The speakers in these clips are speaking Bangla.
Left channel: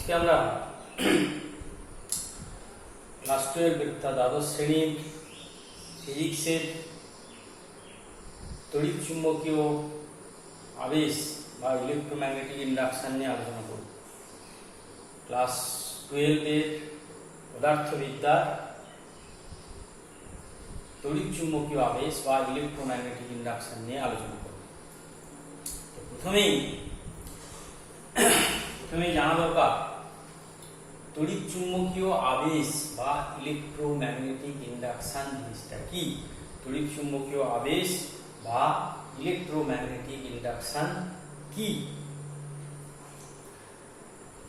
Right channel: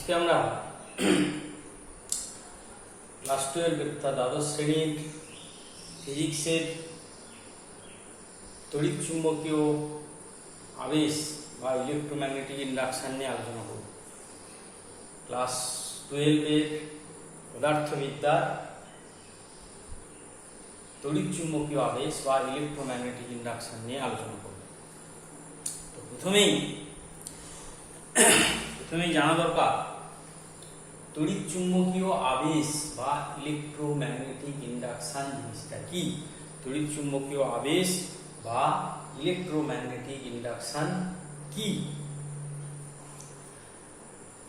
আজকে আমরা ক্লাস 12 অর্থাৎ দ্বাদশ শ্রেণীর ফিজিক্সের তড়িৎ চুম্বকীয় আবেশ বা ইলেকট্রোম্যাগনেটিক ইন্ডাকশন নিয়ে আলোচনা করব। ক্লাস 12 পদার্থবিদ্যার তড়িৎ চুম্বকীয় আবেশ বা ইলেকট্রোম্যাগনেটিক ইন্ডাকশন নিয়ে আলোচনা করব। তো প্রথমেই জানা দরকার তড়িৎ চুম্বকীয় আবেশ বা ইলেকট্রোম্যাগনেটিক ইন্ডাকশন জিনিসটা কি। তড়িৎ চুম্বকীয় আবেশ বা ইলেকট্রোম্যাগনেটিক ইন্ডাকশন কি?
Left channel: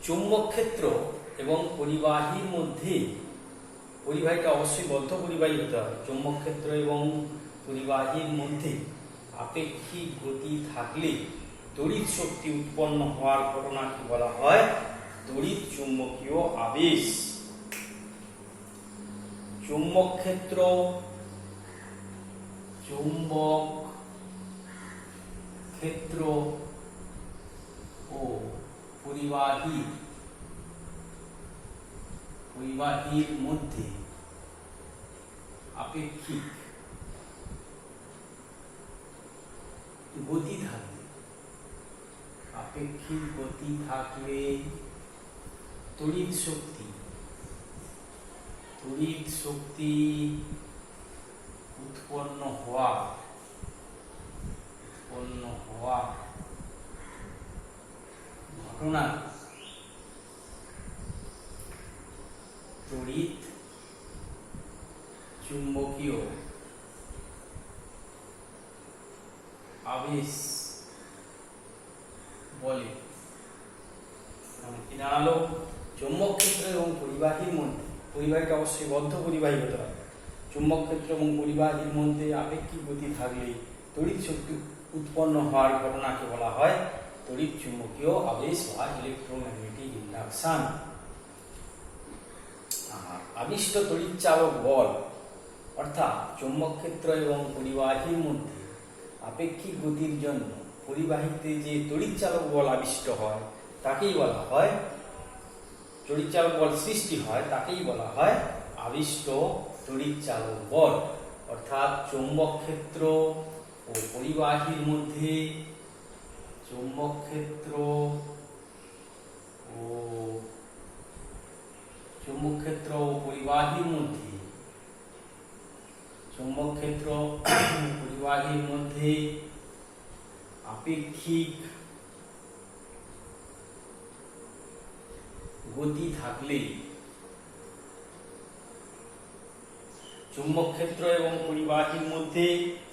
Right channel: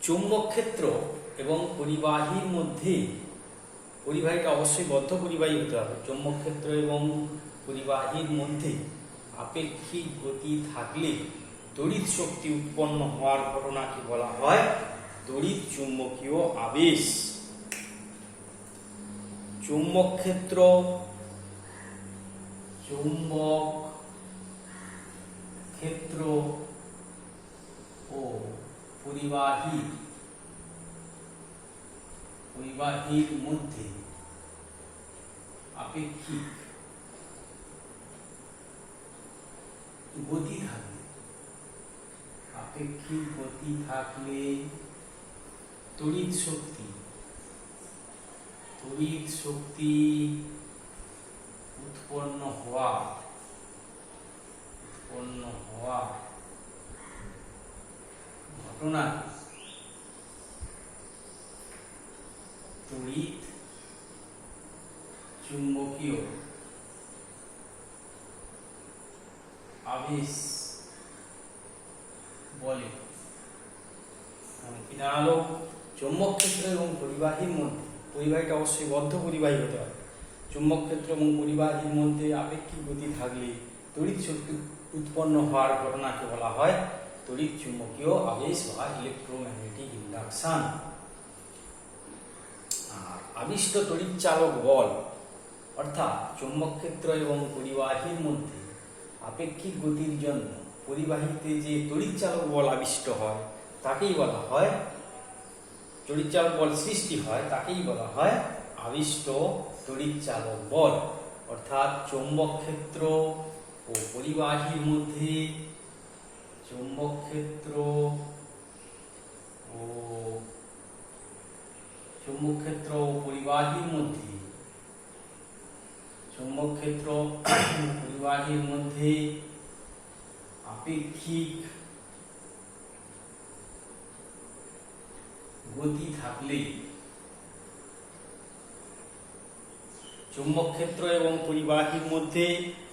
চৌম্বক ক্ষেত্র এবং পরিবাহীর মধ্যে, পরিবাহীটা অবশ্যই বদ্ধ পরিবাহী হতে হবে, চৌম্বক ক্ষেত্র এবং পরিবাহীর মধ্যে আপেক্ষিক গতি থাকলে তড়িৎ শক্তি উৎপন্ন হওয়ার ঘটনাকে বলা হয় তড়িৎ চুম্বকীয় আবেশ। চৌম্বক ক্ষেত্র, চৌম্বক ক্ষেত্র ও পরিবাহীর মধ্যে আপেক্ষিক গতি থাকলে তড়িৎ শক্তি উৎপন্ন হওয়া ঘটনা তড়িৎ চুম্বকীয় আবেশ বলে। দাঁড়ালো চৌম্বক ক্ষেত্র এবং পরিবাহীর মধ্যে, পরিবাহীটা অবশ্যই বদ্ধ পরিবাহী হতে হবে, চৌম্বক ক্ষেত্র এবং পরিবাহীর মধ্যে আপেক্ষিক গতি থাকলে তড়িৎ শক্তি উৎপন্ন হওয়ার ঘটনাকে বলা হয় তড়িৎ চুম্বকীয় আবেশ বা ইলেকট্রোম্যাগনেটিক ইন্ডাকশন। আবিষ্ট তড়িৎ চালক বল অর্থাৎ চৌম্বক ক্ষেত্র এবং পরিবাহীর মধ্যে আপেক্ষিক গতির জন্য পরিবাহীতে যে তড়িৎ চালক বল আবিষ্ট হয় তাকেই বলা হয়, তড়িৎ চালক বল সৃষ্টি হয় তাকেই বলা হয় আবিষ্ট তড়িৎ চালক বল। অর্থাৎ চৌম্বক ক্ষেত্র ও পরিবাহীর মধ্যে, চৌম্বক ক্ষেত্র ও পরিবাহীর মধ্যে, চৌম্বক ক্ষেত্র পরিবাহীর মধ্যে আপেক্ষিক গতি থাকলে, চৌম্বক ক্ষেত্র এবং পরিবাহীর মধ্যে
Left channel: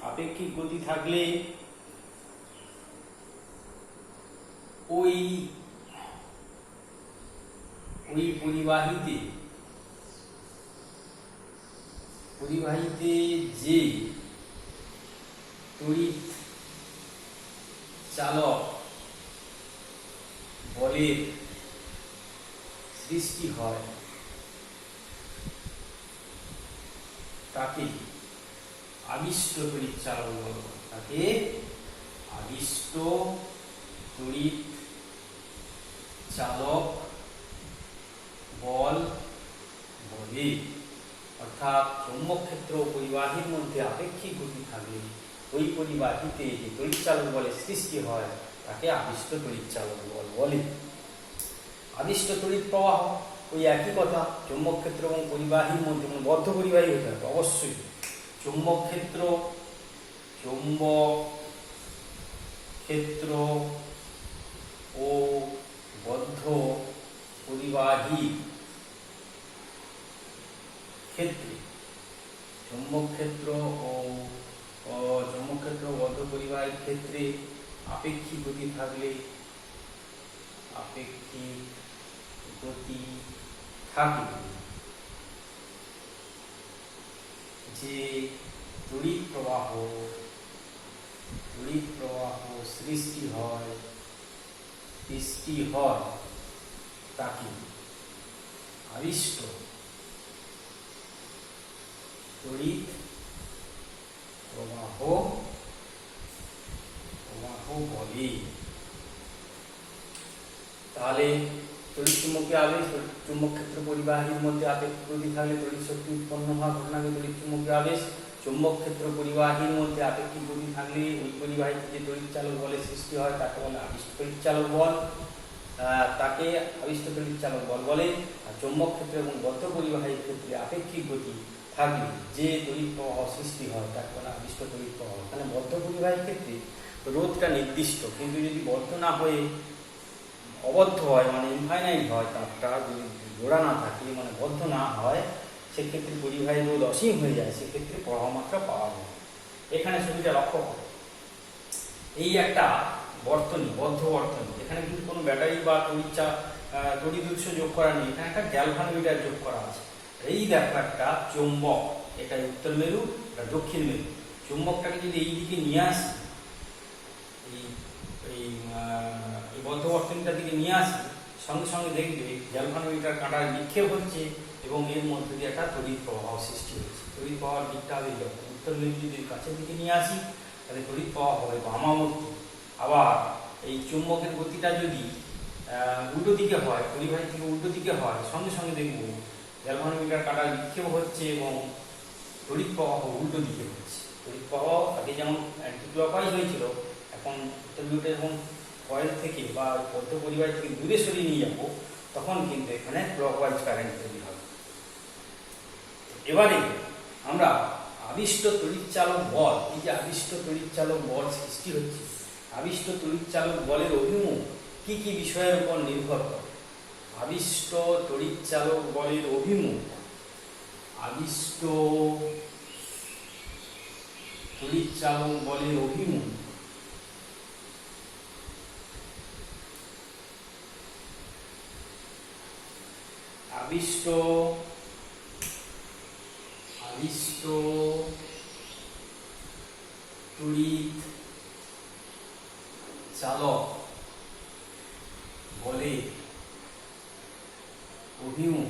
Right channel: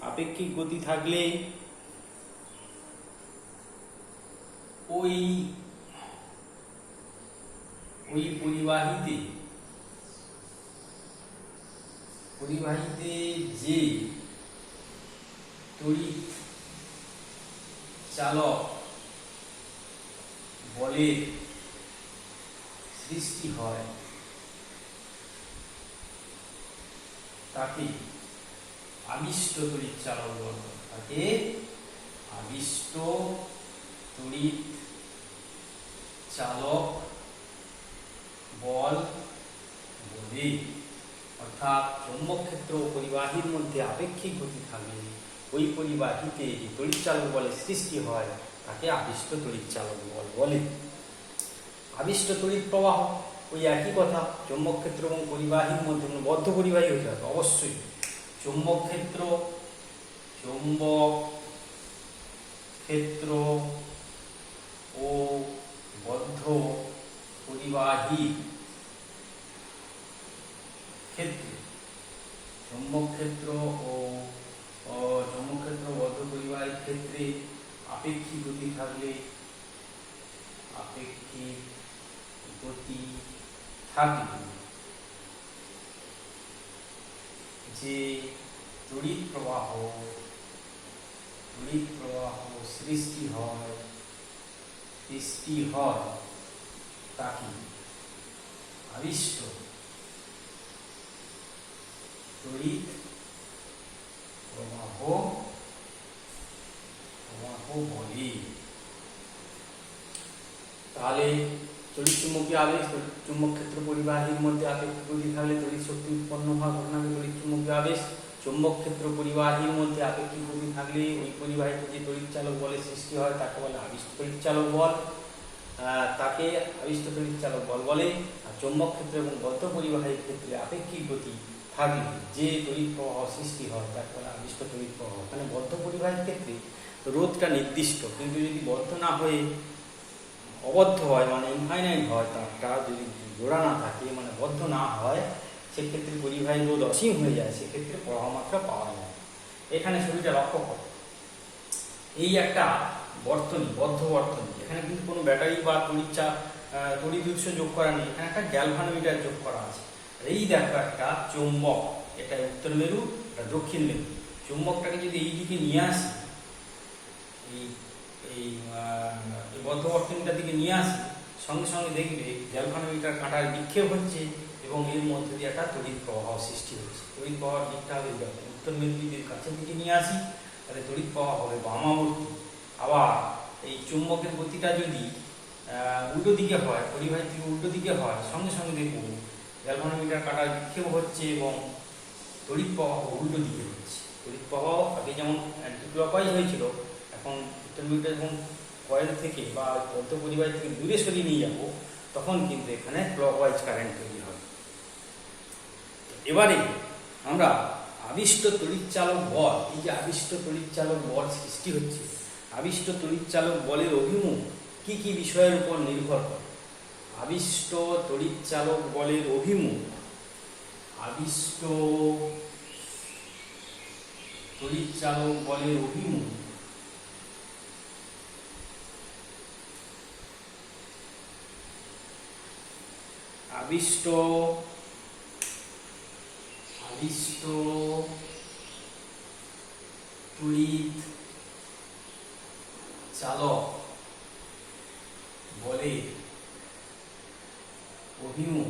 আপেক্ষিক গতি থাকলে ওই পরিবাহীতে যে তড়িৎ চালক বলের সৃষ্টি হয় তাকে আবিষ্ট তড়িৎ চালক বল, তাকে আবিষ্ট তড়িৎ চালক বল বলে। অর্থাৎ চৌম্বক ক্ষেত্র ও পরিবাহীর মধ্যে আপেক্ষিক গতি থাকলে ওই পরিবাহীতে যে তড়িৎ চালক বলের সৃষ্টি হয় তাকে আবিষ্ট তড়িৎ চালক বল বলে। আবিষ্ট তড়িৎ প্রবাহ ওই একই কথা, চৌম্বক ক্ষেত্র এবং পরিবাহীর মধ্যে বদ্ধ পরিবাহী হতে হবে অবশ্যই। চৌম্বক ক্ষেত্র ও বদ্ধ পরিবাহীর ক্ষেত্রে, চৌম্বক ক্ষেত্র ও বদ্ধ পরিবাহীর ক্ষেত্রে আপেক্ষিক গতি থাকলে, যে তড়িৎ প্রবাহ সৃষ্টি হয় তাকে আবিষ্ট তড়িৎ প্রবাহ বলে। তাহলে তড়িৎ চুম্বকীয় আবেশ, চুম্বক ক্ষেত্র পরিবাহীর মধ্যে আপেক্ষিক গতি থাকলে তড়িৎ শক্তি উৎপন্ন হওয়া ঘটনাকে তড়িৎ চুম্বকীয় আবেশ। চুম্বক ক্ষেত্র পরিবাহীর মধ্যে আপেক্ষিক গতি থাকলে ওই পরিবাহীতে যে তড়িৎ চালক বলের সৃষ্টি হয় তাকে বলে আবিষ্ট তড়িৎ চালক বল, তাকে আবিষ্ট তড়িৎ চালক বল বলে। আর চুম্বক ক্ষেত্র এবং বদ্ধ পরিবাহীর ক্ষেত্রে আপেক্ষিক গতি থাকলে যে তড়িৎ প্রবাহ সৃষ্টি হয় তাকে বলে আবিষ্ট তড়িৎ প্রবাহ। তাহলে বদ্ধ পরিবাহীর ক্ষেত্রে রোধটা নির্দিষ্ট, কিন্তু যদি বদ্ধ না হয়ে অবদ্ধ হয় মানে ইনফাইনাইট হয়, তারটা যদি জোড়া না থাকে মানে বদ্ধ না হয়, সেক্ষেত্রে পরিবাহী রোধ অসীম হয়ে যায়, সেক্ষেত্রে প্রবাহ মাত্রা পাওয়া যায়। এখানে ছবিটা লক্ষ্য করো, এই একটা বর্তনী, বদ্ধ বর্তনী, এখানে কিন্তু কোনো ব্যাটারি বা তড়িৎ উৎস যোগ করা নেই, এখানে একটা গ্যালভানোমিটার যোগ করা আছে। এই দেখো একটা চুম্বক, এটা উত্তর মেরু, এটা দক্ষিণ মেরু। চুম্বকটাকে যদি এই দিকে নিয়ে আসি, এই বদ্ধ বর্তনীটার দিকে নিয়ে আসি, সঙ্গে সঙ্গে দেখবে গ্যালভানোমিটার কাঁটায় নিক্ষেপ হচ্ছে এবং এর মধ্যে দিয়ে একটা তড়িৎ প্রবাহ সৃষ্টি হচ্ছে। তড়িৎ প্রবাহ দিকটা হবে যখন উত্তর মেরু যদি কাছের দিকে নিয়ে আসি তাহলে তড়িৎ প্রবাহ হবে বামামুখী। আবার এই চুম্বকের গতিটা যদি উল্টো দিকে হয়, পরিবাহী থেকে উল্টো দিকে হয়, সঙ্গে সঙ্গে দেখবো গ্যালভানোমিটার কাঁটায় নিক্ষেপ হচ্ছে এবং তড়িৎ প্রবাহ উল্টো দিকে হচ্ছে। তড়িৎ প্রবাহ আগে যেমন অ্যান্টিক্লকওয়াইজ হয়েছিল, এখন উত্তর মেরু এবং কয়েল থেকে বা বদ্ধ পরিবাহী থেকে দূরে সরিয়ে নিয়ে যাবো, তখন কিন্তু এখানে ক্লকওয়াইজ কারেন্ট তৈরি হবে। এবারে আমরা আবিষ্ট তড়িৎচালক বল, এই যে আবিষ্ট তড়িৎচালক বল সৃষ্টি হচ্ছে, আবিষ্ট তড়িৎচালক বলের অভিমুখ কি কি বিষয়ের উপর নির্ভর করে? আবিষ্ট তড়িৎচালক বলের অভিমুখ, আবিষ্ট তড়িৎচালক বলের অভিমুখ আবিষ্ট তড়িৎ চালক বলে অভিমুখ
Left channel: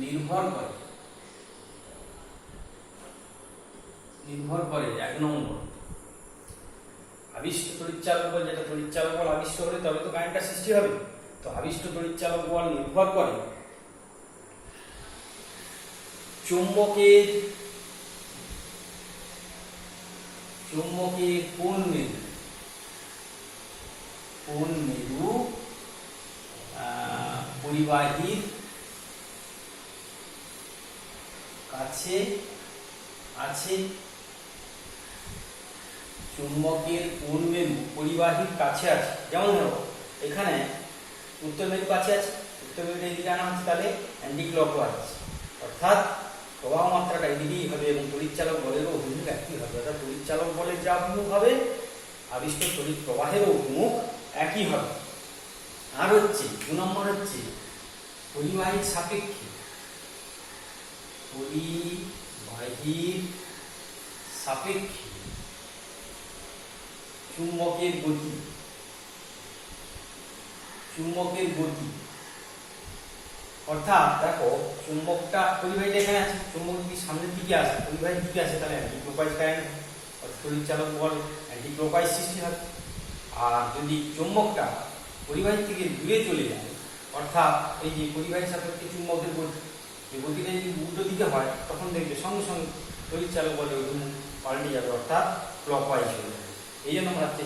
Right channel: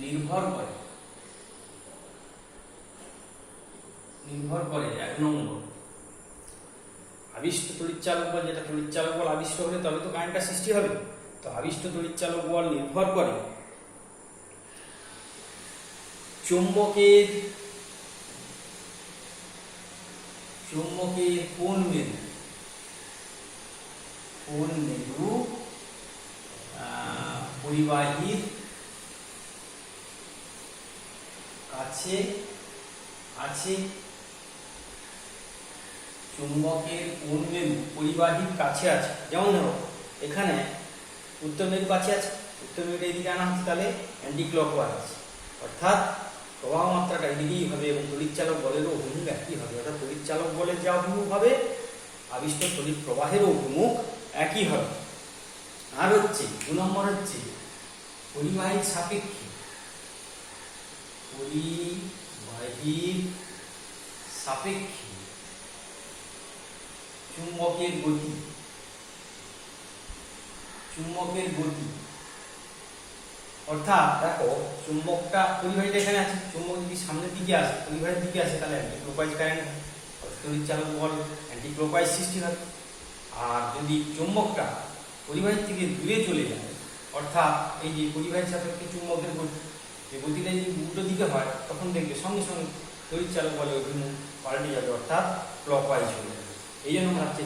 নির্ভর করে 1 নম্বর আবিষ্ট তড়িৎচালক বল, যেটা তড়িৎচালক বল আবিষ্ট হলে তবে তো কারেন্টটা সৃষ্টি হবে। তো আবিষ্ট তড়িৎচালক বল নির্ভর করে চুম্বকের কোন মেরু পরিবাহীর কাছে আছে, চুম্বকের কোন মেরু পরিবাহীর কাছে আছে। যেমন ধরো এখানে উত্তর মেরু কাছে আছে, উত্তর মেরুটা এদিকে আনা হচ্ছে, তাহলে অ্যান্টি ক্লকওয়াইজ, অর্থাৎ প্রবাহ মাত্রাটা এদিকেই হবে এবং তড়িৎচালক বলেরও অভিমুখ একই হবে। অর্থাৎ তড়িৎচালক বলের যে অভিমুখ হবে, আবিষ্ট তড়িৎ প্রবাহেরও অভিমুখ একই হবে। আর হচ্ছে 2 নম্বর হচ্ছে পরিবাহীর সাপেক্ষে, পরিবাহীর সাপেক্ষে চুম্বকের গতি, অর্থাৎ দেখো চুম্বকটা পরিবাহীটা এখানে আছে, চুম্বক যদি সামনের দিকে আসে, পরিবাহীর দিকে আসে, তাহলে অ্যান্টিক্লকওয়াইজ কারেন্ট, তড়িৎচালক বল অ্যান্টিক্লকওয়াইজ সৃষ্টি হয়। আর যদি চুম্বকটা পরিবাহী থেকে দূরে চলে যায়, অর্থাৎ এই যে পরিবাহীর সাপেক্ষে চুম্বকের গতিটা যদি উল্টো দিকে হয়, তখন দেখবে সঙ্গে সঙ্গে তড়িৎচালক বলের অভিমুখ পাল্টে যাবে, অর্থাৎ ক্লকওয়াইজ হয়ে যাবে। এই জন্য হচ্ছে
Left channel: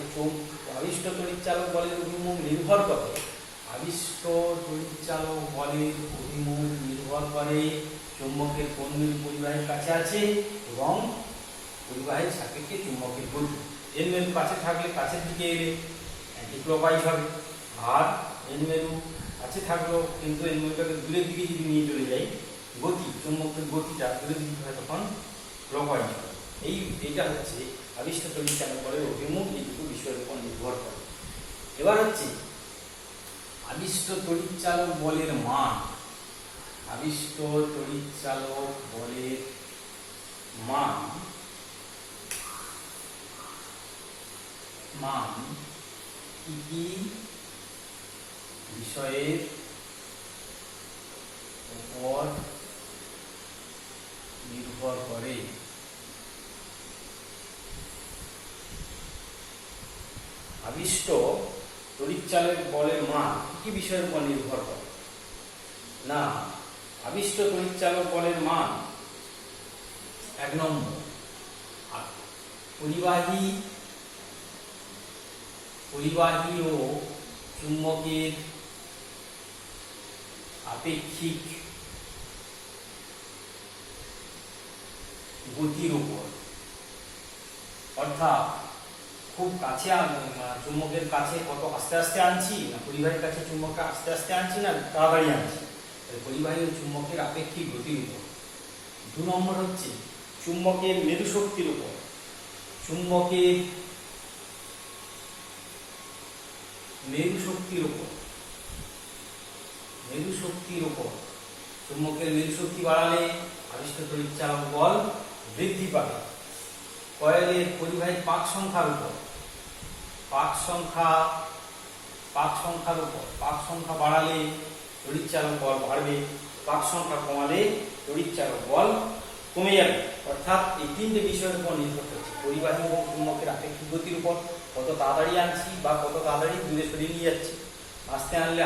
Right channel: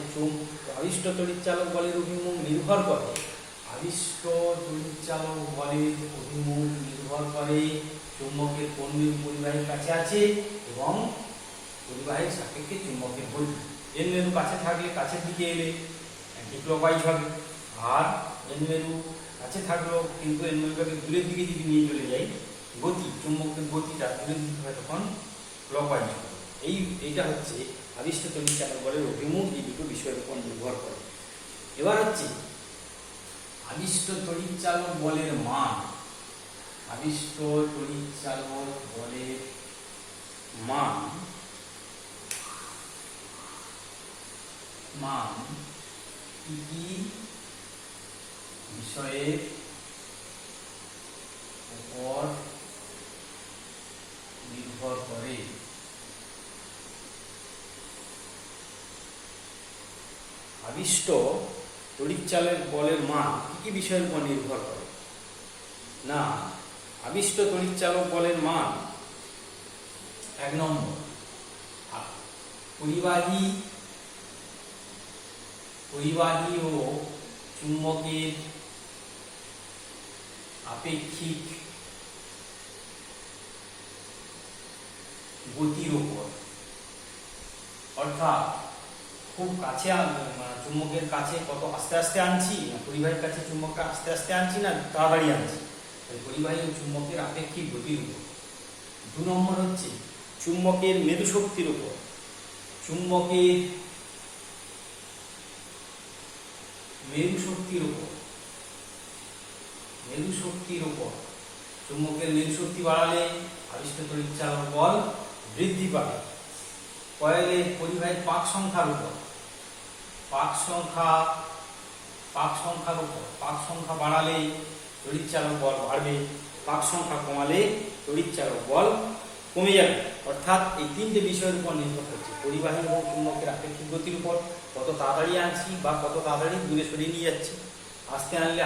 আবিষ্ট তড়িৎচালক বলের অভিমুখ নির্ভর করে, আবিষ্ট তড়িৎচালক বলের অভিমুখ নির্ভর করে চুম্বকের কোন মেরু পরিবাহীর কাছে আছে এবং পরিবাহীর সাপেক্ষে চুম্বকের গতি। এন মেরু কাছে থাকলে কাছের দিকে এলে অ্যান্টিক্লকওয়াইজ হবে, আর এন মেরু কাছে থাকলেও কিন্তু এন মেরুটাকে দূরের দিকে যদি নিয়ে চলে যাই, গতি চুম্বকের গতিটা দূরের দিকে হয়, তখন ক্লকওয়াইজ হবে। এইটা হচ্ছে আবিষ্ট তড়িৎচালক বলের অভিমুখ, এই দুটো বিষয়ের উপর নির্ভর করে। এবার হচ্ছে আবিষ্ট তড়িৎচালক বলের মান, আবিষ্ট তড়িৎচালক বলের মান কি কি বিষয়ের উপর নির্ভর করে? আবিষ্ট তড়িৎচালক বলের মান কি বিষয়ের উপর নির্ভর করে? না, আবিষ্ট তড়িৎচালক বলের মান 1 নম্বর পরিবাহী ও চুম্বকের আপেক্ষিক গতির উপর, অর্থাৎ খুব কাছে চুম্বকের কাছে কত আস্তে আস্তে আনছি, না পরিবাহীর কাছে চুম্বককে আস্তে আস্তে আনছি না তাড়াতাড়ি আনছি, পরিবাহী ও চুম্বকের আপেক্ষিক গতির উপর। 2 নম্বর হচ্ছে চুম্বকের মেরু শক্তির উপর। চুম্বকের মেরু শক্তির উপর চুম্বকের মেরু শক্তি বাড়ালে আবিষ্ট তড়িৎচালক বল বৃদ্ধি পাবে। কয়েলের পরিবাহীর পাক সংখ্যার উপর, পাক সংখ্যা বাড়ালে তড়িৎচালক বল বাড়বে, পাক সংখ্যা কমালে তড়িৎচালক বল কমে যাবে। অর্থাৎ এই 3টে বিষয়ের উপর নির্ভর করছে, পরিবাহী এবং চুম্বকের আপেক্ষিক গতির উপর, কত তাড়াতাড়ি আনছি বা কত তাড়াতাড়ি দূরে সরিয়ে নিয়ে যাচ্ছি। আস্তে আনলে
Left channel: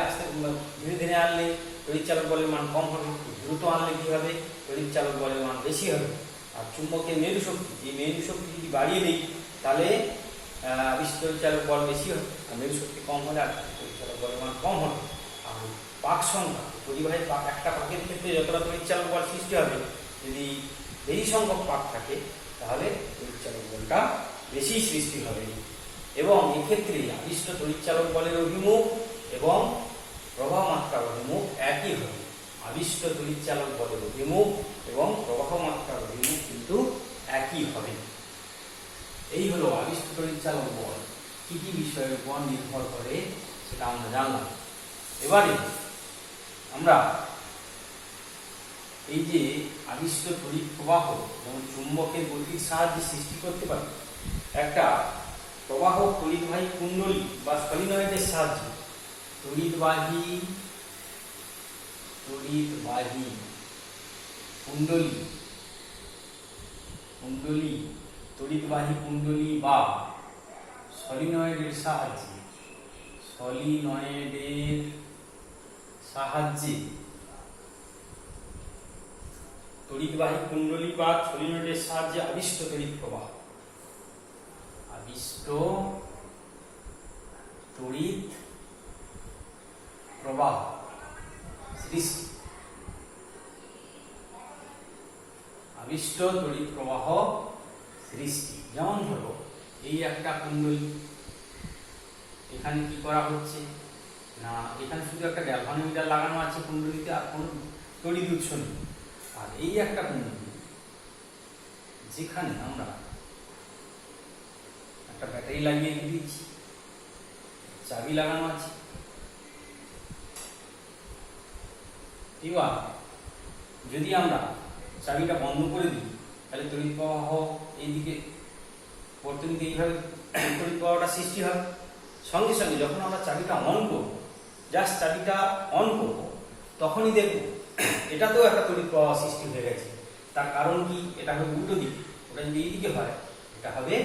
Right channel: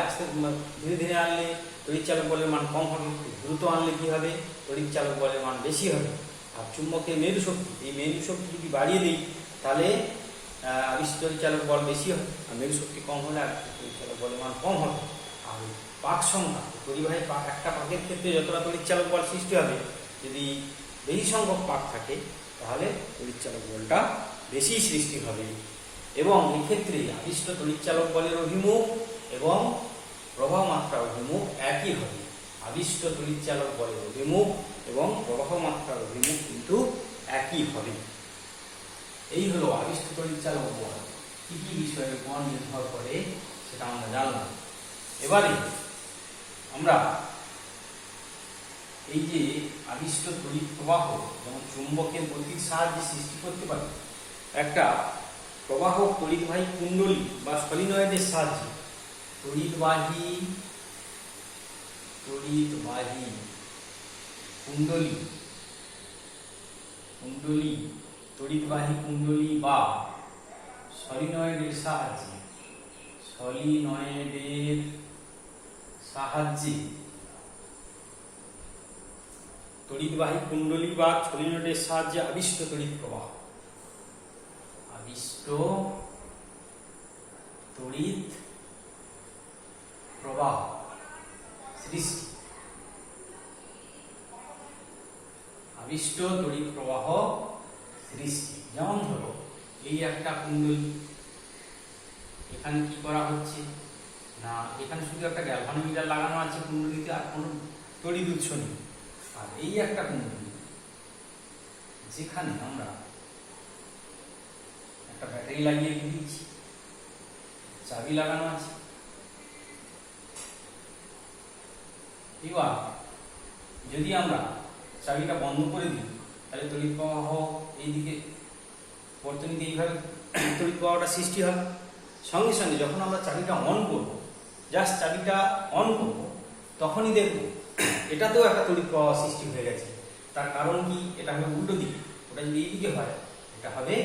ধীরে ধীরে আনলে তড়িৎচালক বলের মান কম হবে, দ্রুত আনলে কি হবে, তড়িৎচালক বলের মান বেশি হবে। আর চুম্বকের মেরু শক্তি, এই মেরু শক্তি যদি বাড়িয়ে দিই তাহলে আবিষ্ট তড়িৎচালক বল বেশি হবে, আর মেরু শক্তি কম হলে তড়িৎচালক বলের মান কম হবে। আর পাক সংখ্যা, পরিবাহীর পাক, একটা পাকের ক্ষেত্রে যতটা তড়িৎচালক বল সৃষ্টি হবে, যদি বেশি সংখ্যক পাক থাকে তাহলে তড়িৎচালক বলটা বেশি সৃষ্টি হবে। এবং এক্ষেত্রে আবিষ্ট তড়িৎচালক বলের অভিমুখ এবং প্রবাহ মাত্রার অভিমুখ একই হবে। আবিষ্ট তড়িৎচালক বলের অভিমুখ এবং প্রবাহ মাত্রার অভিমুখ কিন্তু একই হবে। এই হলো আবিষ্ট তড়িৎচালক বল কি কি বিষয়ের উপর নির্ভর করে সেটা আমরা জানলাম। এবারে আমরা এই যে আবিষ্ট তড়িৎ প্রবাহ এবং চুম্বকের গতির সাহায্যে সৃষ্টি করতে পারি একটা প্রবাহ পরিবাহী কুণ্ডলী বা সলিনয়েডের সাহায্যে তড়িৎবাহী কুণ্ডলী বা সলিনয়েডের সাহায্যে তড়িৎবাহী কুণ্ডলী বা সলিনয়েডের সাহায্যে আবিষ্ট তড়িৎ প্রবাহ, সৃষ্টি। আবিষ্ট তড়িৎ প্রবাহ সৃষ্টি যেমন ধরো এই একটা কুণ্ডলী, এখানে কি করা হচ্ছে না, এখানে শুধু একটা গ্যালভানোমিটার লাগানো আছে কুণ্ডলীতে, আর কোনো তড়িৎ উৎস নেই। আর এই একটা কুণ্ডলী যেখানে আমরা একটা ব্যাটারি লাগিয়ে দিয়েছি, চাবি লাগানো আছে। এবার যদি আমরা চাবিটা বন্ধ করে দিই তাহলে তড়িৎ প্রবাহ এইদিকে বর্তনীতে এইভাবে তড়িৎ প্রবাহটা সৃষ্টি হয়। সঙ্গে সঙ্গে যখন আমরা চাবিটা অন করব, জাস্ট চাবিটা অন করব, তখনই দেখব এটাতেও একটা তড়িৎ প্রবাহ সৃষ্টি হয়ে গেছে। তার কারণ কি, এটা হবে উল্টো দিক, ওটা যদি এইদিকে হয় এটা হবে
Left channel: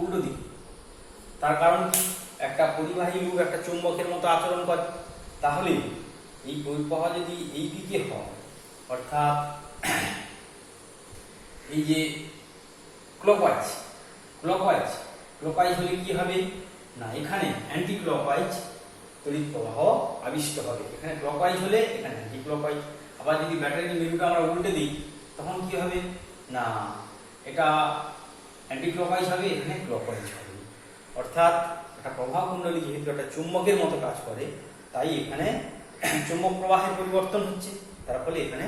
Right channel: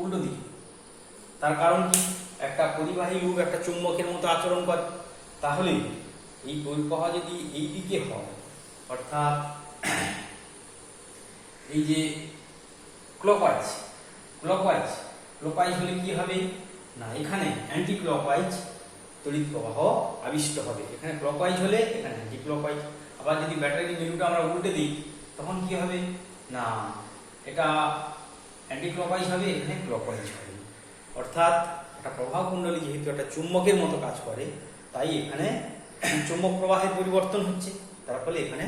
উল্টো দিক। তার কারণ কি, একটা পরিবাহী লুপ একটা চুম্বকের মতো আচরণ করে, তাহলে এই প্রবাহ যদি এই দিকে হয়, অর্থাৎ এই যে ক্লকওয়াইজ হলে কি হবে না, এখানে অ্যান্টি ক্লকওয়াইজ তড়িৎ প্রবাহ আবিষ্ট হবে। এখানে ক্লকওয়াইজ হলে এখানে অ্যান্টি ক্লকওয়াইজ। আবার যদি ব্যাটারির মেরুটা আমরা উল্টে দিই তখন কি হবে না, এটা অ্যান্টি ক্লকওয়াইজ হবে, এখানে ক্লকওয়াইজ হবে। অর্থাৎ একটা প্রবাহ কুণ্ডলী যেহেতু একটা চুম্বকের মতো কাজ করে, তাই এখানে চুম্বক প্রবাহের পরিবর্তন হচ্ছে, তার ফলে এখানে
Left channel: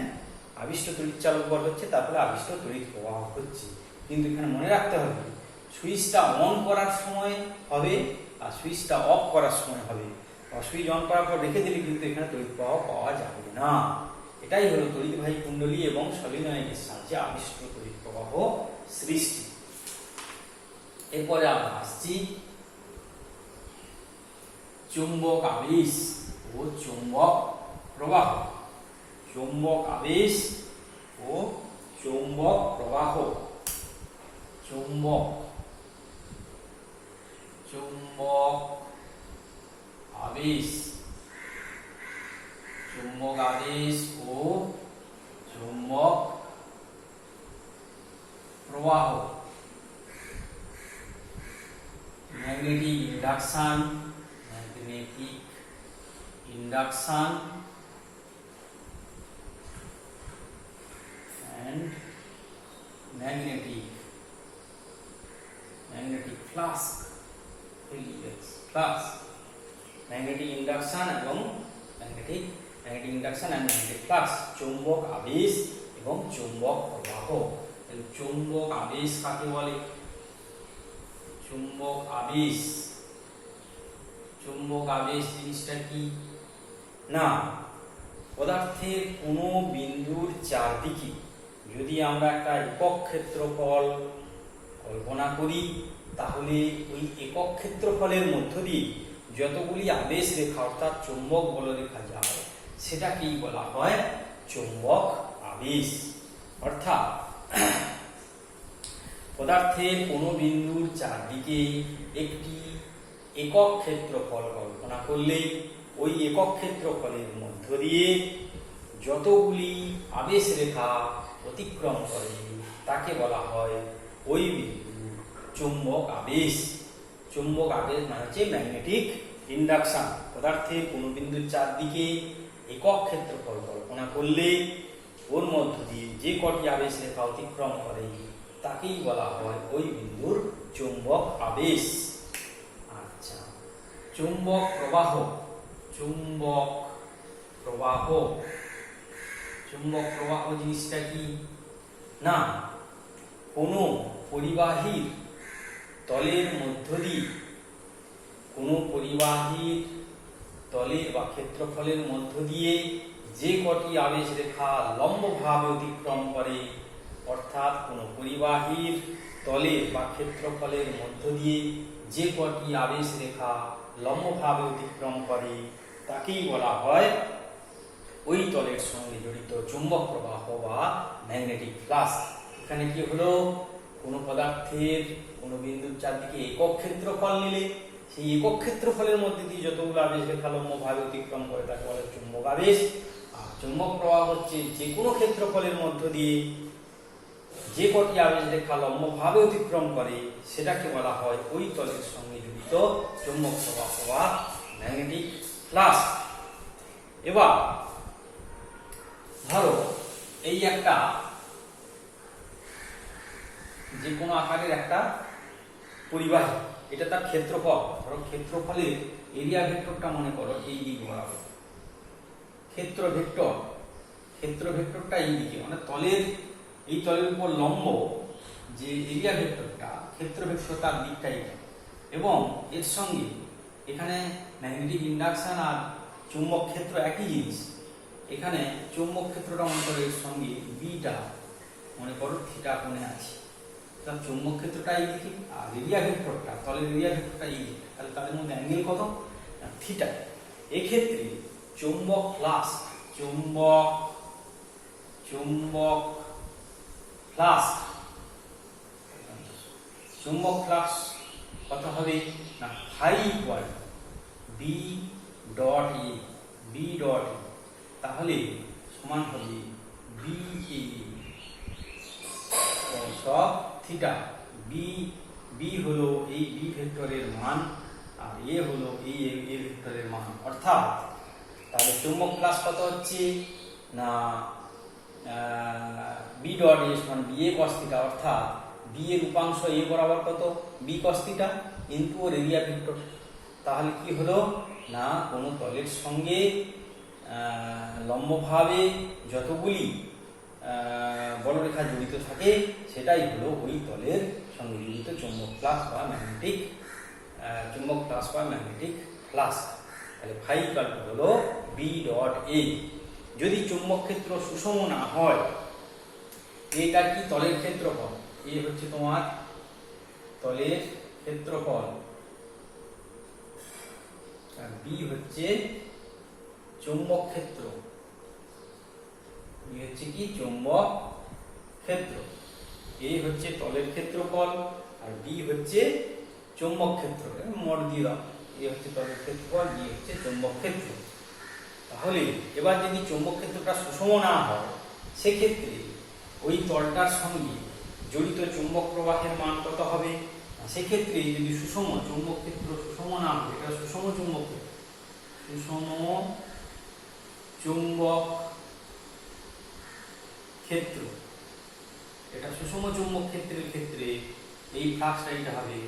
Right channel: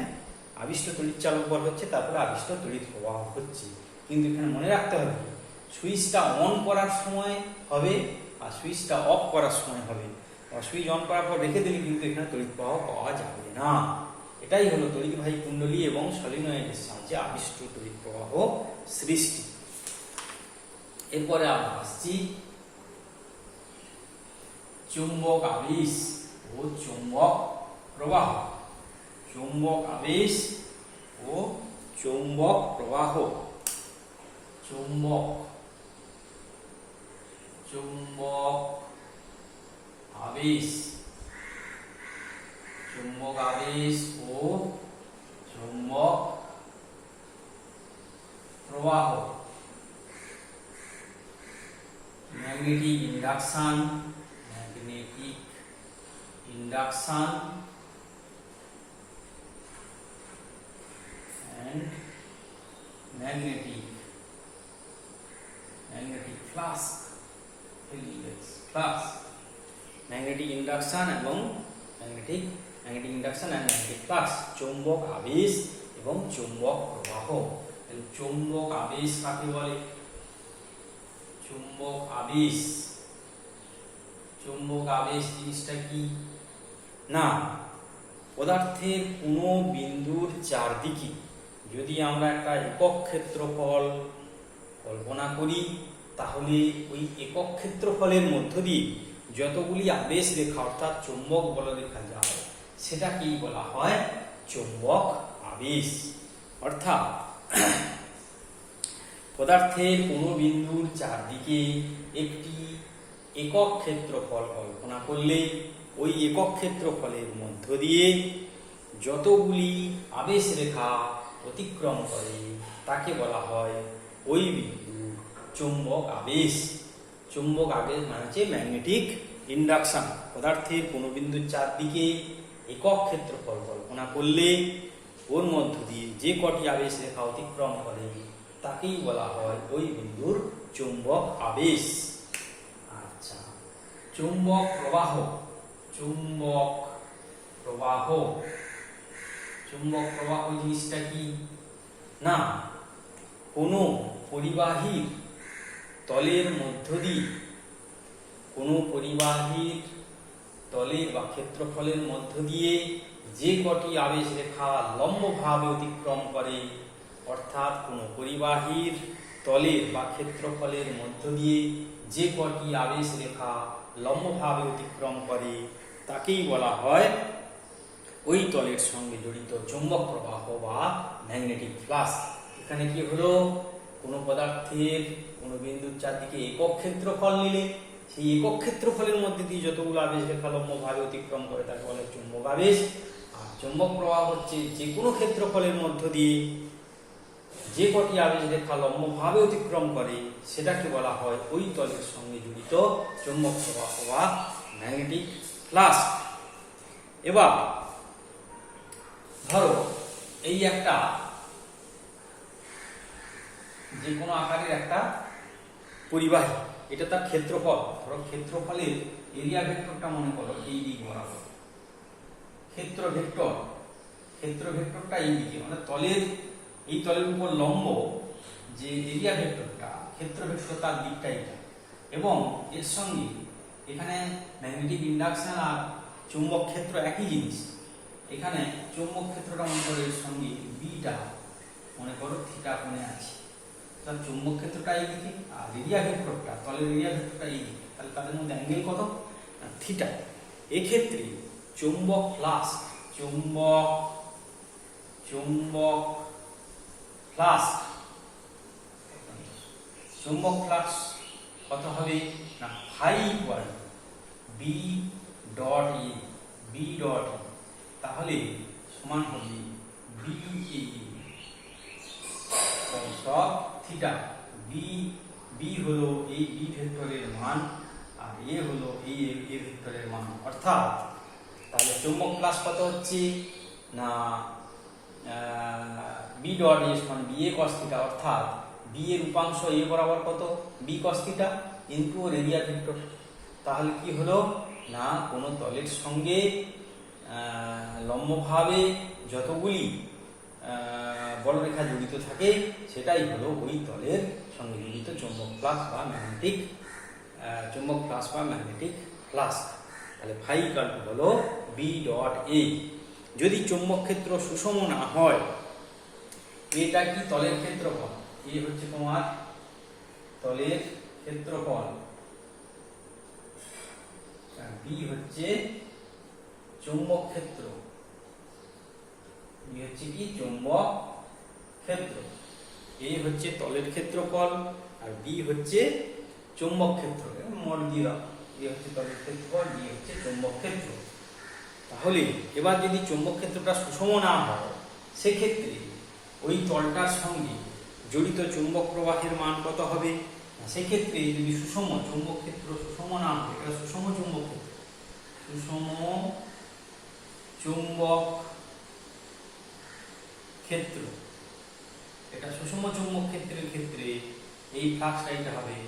আবিষ্ট তড়িৎচালক বল হচ্ছে, তারপরে আবিষ্ট তড়িৎ প্রবাহ হচ্ছে। কিন্তু এখানে মনে রাখতে হবে সুইচটা অন করার সময় হবে আর সুইচটা অফ করার সময় হবে। সুইচ অন করার পর রেখে দিলে কিন্তু এখানে তড়িৎ প্রবাহ পাওয়া যাবে না। এটাই হলো তড়িৎবাহী কুণ্ডলী এবং সলিনয়েডের সাহায্যে আবিষ্ট তড়িৎ প্রবাহ সৃষ্টি। এরপরে আমরা আসছি চুম্বক আবেশ ও চুম্বক প্রবাহ। চুম্বক আবেশ ও চুম্বক প্রবাহ। চুম্বক চুম্বক আবেশ, চুম্বক আবেশ ও চুম্বক প্রবাহ, magnetic induction, magnetic induction and magnetic flask, magnetic induction এবং magnetic induction and magnetic flux, চৌম্বক আবেশ এবং চৌম্বক প্রবাহ। চৌম্বক আবেশ কাকে বলে? চুম্বক আবেশ, চুম্বক আবেশ জিনিসটা কি না, পদার্থের কোনো বিন্দুর চারদিকে যদি আমরা একটা একক ক্ষেত্রফল কল্পনা করি, তাহলে ওই একক ক্ষেত্রফলের মধ্য দিয়ে যতগুলি আবেশ রেখা অর্থাৎ চৌম্বক বলরেখা যায়, সেটাকেই বলা হয় চৌম্বক আবেশ। অর্থাৎ পদার্থের কোনো বিন্দুর চারদিকে একটি একক ক্ষেত্রফল কল্পনা করলে ওই একক ক্ষেত্রফলের মধ্য দিয়ে যতগুলি আবেশ রেখা অতিক্রম করে তাকে বলা হয় ওই বিন্দু চুম্বক আবেশ। চুম্বক আবেশ মানে হচ্ছে ম্যাগনেটিক ইন্ডাকশন। পদার্থের কোনো বিন্দুর চারদিকে একক ক্ষেত্রফল কল্পনা করলে ওর মধ্য দিয়ে যে কটি আবেশ রেখা অতিক্রম করে তাকেই বলা হয় ওই বিন্দুর চুম্বক আবেশ। আচ্ছা, চুম্বক প্রবাহ, চুম্বক প্রবাহ, চুম্বক প্রবাহ জিনিসটা কি না, কোনো পরিবাহীর তলের মধ্য দিয়ে, কোনো পরিবাহীর তলে বা ক্ষেত্রফলের মধ্য দিয়ে যে কটি আবেশ রেখা লম্বভাবে অতিক্রম করে, অর্থাৎ কোনো পরিবাহীর তলে বা ক্ষেত্রফলের মধ্য দিয়ে যে কটি আবেশ রেখা লম্বভাবে অতিক্রম করে তাকেই বলা হয় ওই তলের সঙ্গে জড়িত চুম্বক প্রবাহ বা ম্যাগনেটিক ফ্লাক্স। এখানে কি হলো, কোনো পদার্থের কোনো বিন্দুর চারদিকে একক ক্ষেত্রফল নিলে সেই একক ক্ষেত্রফলের মধ্যে দিয়ে যতগুলো আবেশ রেখা লম্বভাবে অতিক্রম করে তাকে বলে চুম্বক আবেশ। আর চুম্বক প্রবাহ হচ্ছে যে কোনো ক্ষেত্রফলের মধ্য দিয়ে যে কটি আবেশ রেখা লম্বভাবে অতিক্রম করে সেটাকে বলা হয় ওই তলের সঙ্গে জড়িত চুম্বক প্রবাহ বা ম্যাগনেটিক ফ্লাক্স। এবার ধরো এই একটা যে কোনো আকারের একটা পরিবাহী, এটা তার ক্ষেত্রফল, ধরো ক্ষেত্রফলের এরিয়া ভেক্টরটা মনে করো এই দিক বরাবর, ক্ষেত্র ভেক্টরটা এই দিকে, মানে তলের এই তলের উপর লম্ব যে এরিয়া ভেক্টরটা, ক্ষেত্র ভেক্টর তার দিকটা এটা, এবং এর সঙ্গে এখানে ম্যাগনেটিক ইন্ডাকশন আর চুম্বক ক্ষেত্র একই জিনিস। এখানে চুম্বক ক্ষেত্রটা মনে করো এর সঙ্গে বিটা মনে করো থিটা কোণে আছে, তাহলে চুম্বক ক্ষেত্রটা এই দিকে আর এরিয়া ভেক্টরটা, তলের এরিয়া ভেক্টরটা এই দিকে, তাহলে তাদের মধ্যে অ্যাঙ্গেল কত, থিটা। এক্ষেত্রে চুম্বক ফ্লাক্স, চুম্বক ফ্লাক্স কত হবে না, phi equal B dot A, B dot A, তাহলে সমান হবে বি এ সব থিটা। বি হলো এই বি ভেক্টরের মান আর এ হলো এই এ ভেক্টরের মান, অর্থাৎ তাহলে চুম্বক ফ্লাক্স কত হচ্ছে না বি ডট এ সমান বি এ কস থিটা, অর্থাৎ বি এর উপাংশ এ বরাবর কত বি কস থিটা ইনটু ওর এরিয়া ভেক্টর। তাহলে কি হলো না, কোনো তলের সঙ্গে লম্বভাবে যতগুলি বলরেখা জড়িত থাকে সেটাই হলো ওই তলের সঙ্গে জড়িত চুম্বক ফ্লাক্স বা ম্যাগনেটিক ফ্লাক্স। তাহলে ফাই ইকুয়াল টু হলো বি ডট এ। যদি চুম্বক ক্ষেত্র সুষম না হয়, এটা কি তলের ক্ষেত্রফল, এ হচ্ছে তোমার তলের ক্ষেত্রফল আর বি হচ্ছে চুম্বক ক্ষেত্র, বি হচ্ছে কি চুম্বক ক্ষেত্র, এ হচ্ছে তলের ক্ষেত্রফল আর বি হচ্ছে চৌম্বক ক্ষেত্র, মড দিয়ে দাও, এ হচ্ছে তলের ক্ষেত্রফল, ডি হচ্ছে চৌম্বক ক্ষেত্র। তাহলে এবার যদি চৌম্বক ক্ষেত্রটা সুষম না হয়, সেক্ষেত্রে ওই তলটার সঙ্গে জড়িত চৌম্বক প্রবাহের মান কত হবে? সেক্ষেত্রে যদি সুষম চৌম্বক ক্ষেত্র সুষম না হয়, এটা সুষম চৌম্বক ক্ষেত্র, সুষম চৌম্বক ক্ষেত্র, এটা সুষম চৌম্বক ক্ষেত্রের ক্ষেত্রে এই ফ্লাক্সটা এটা হবে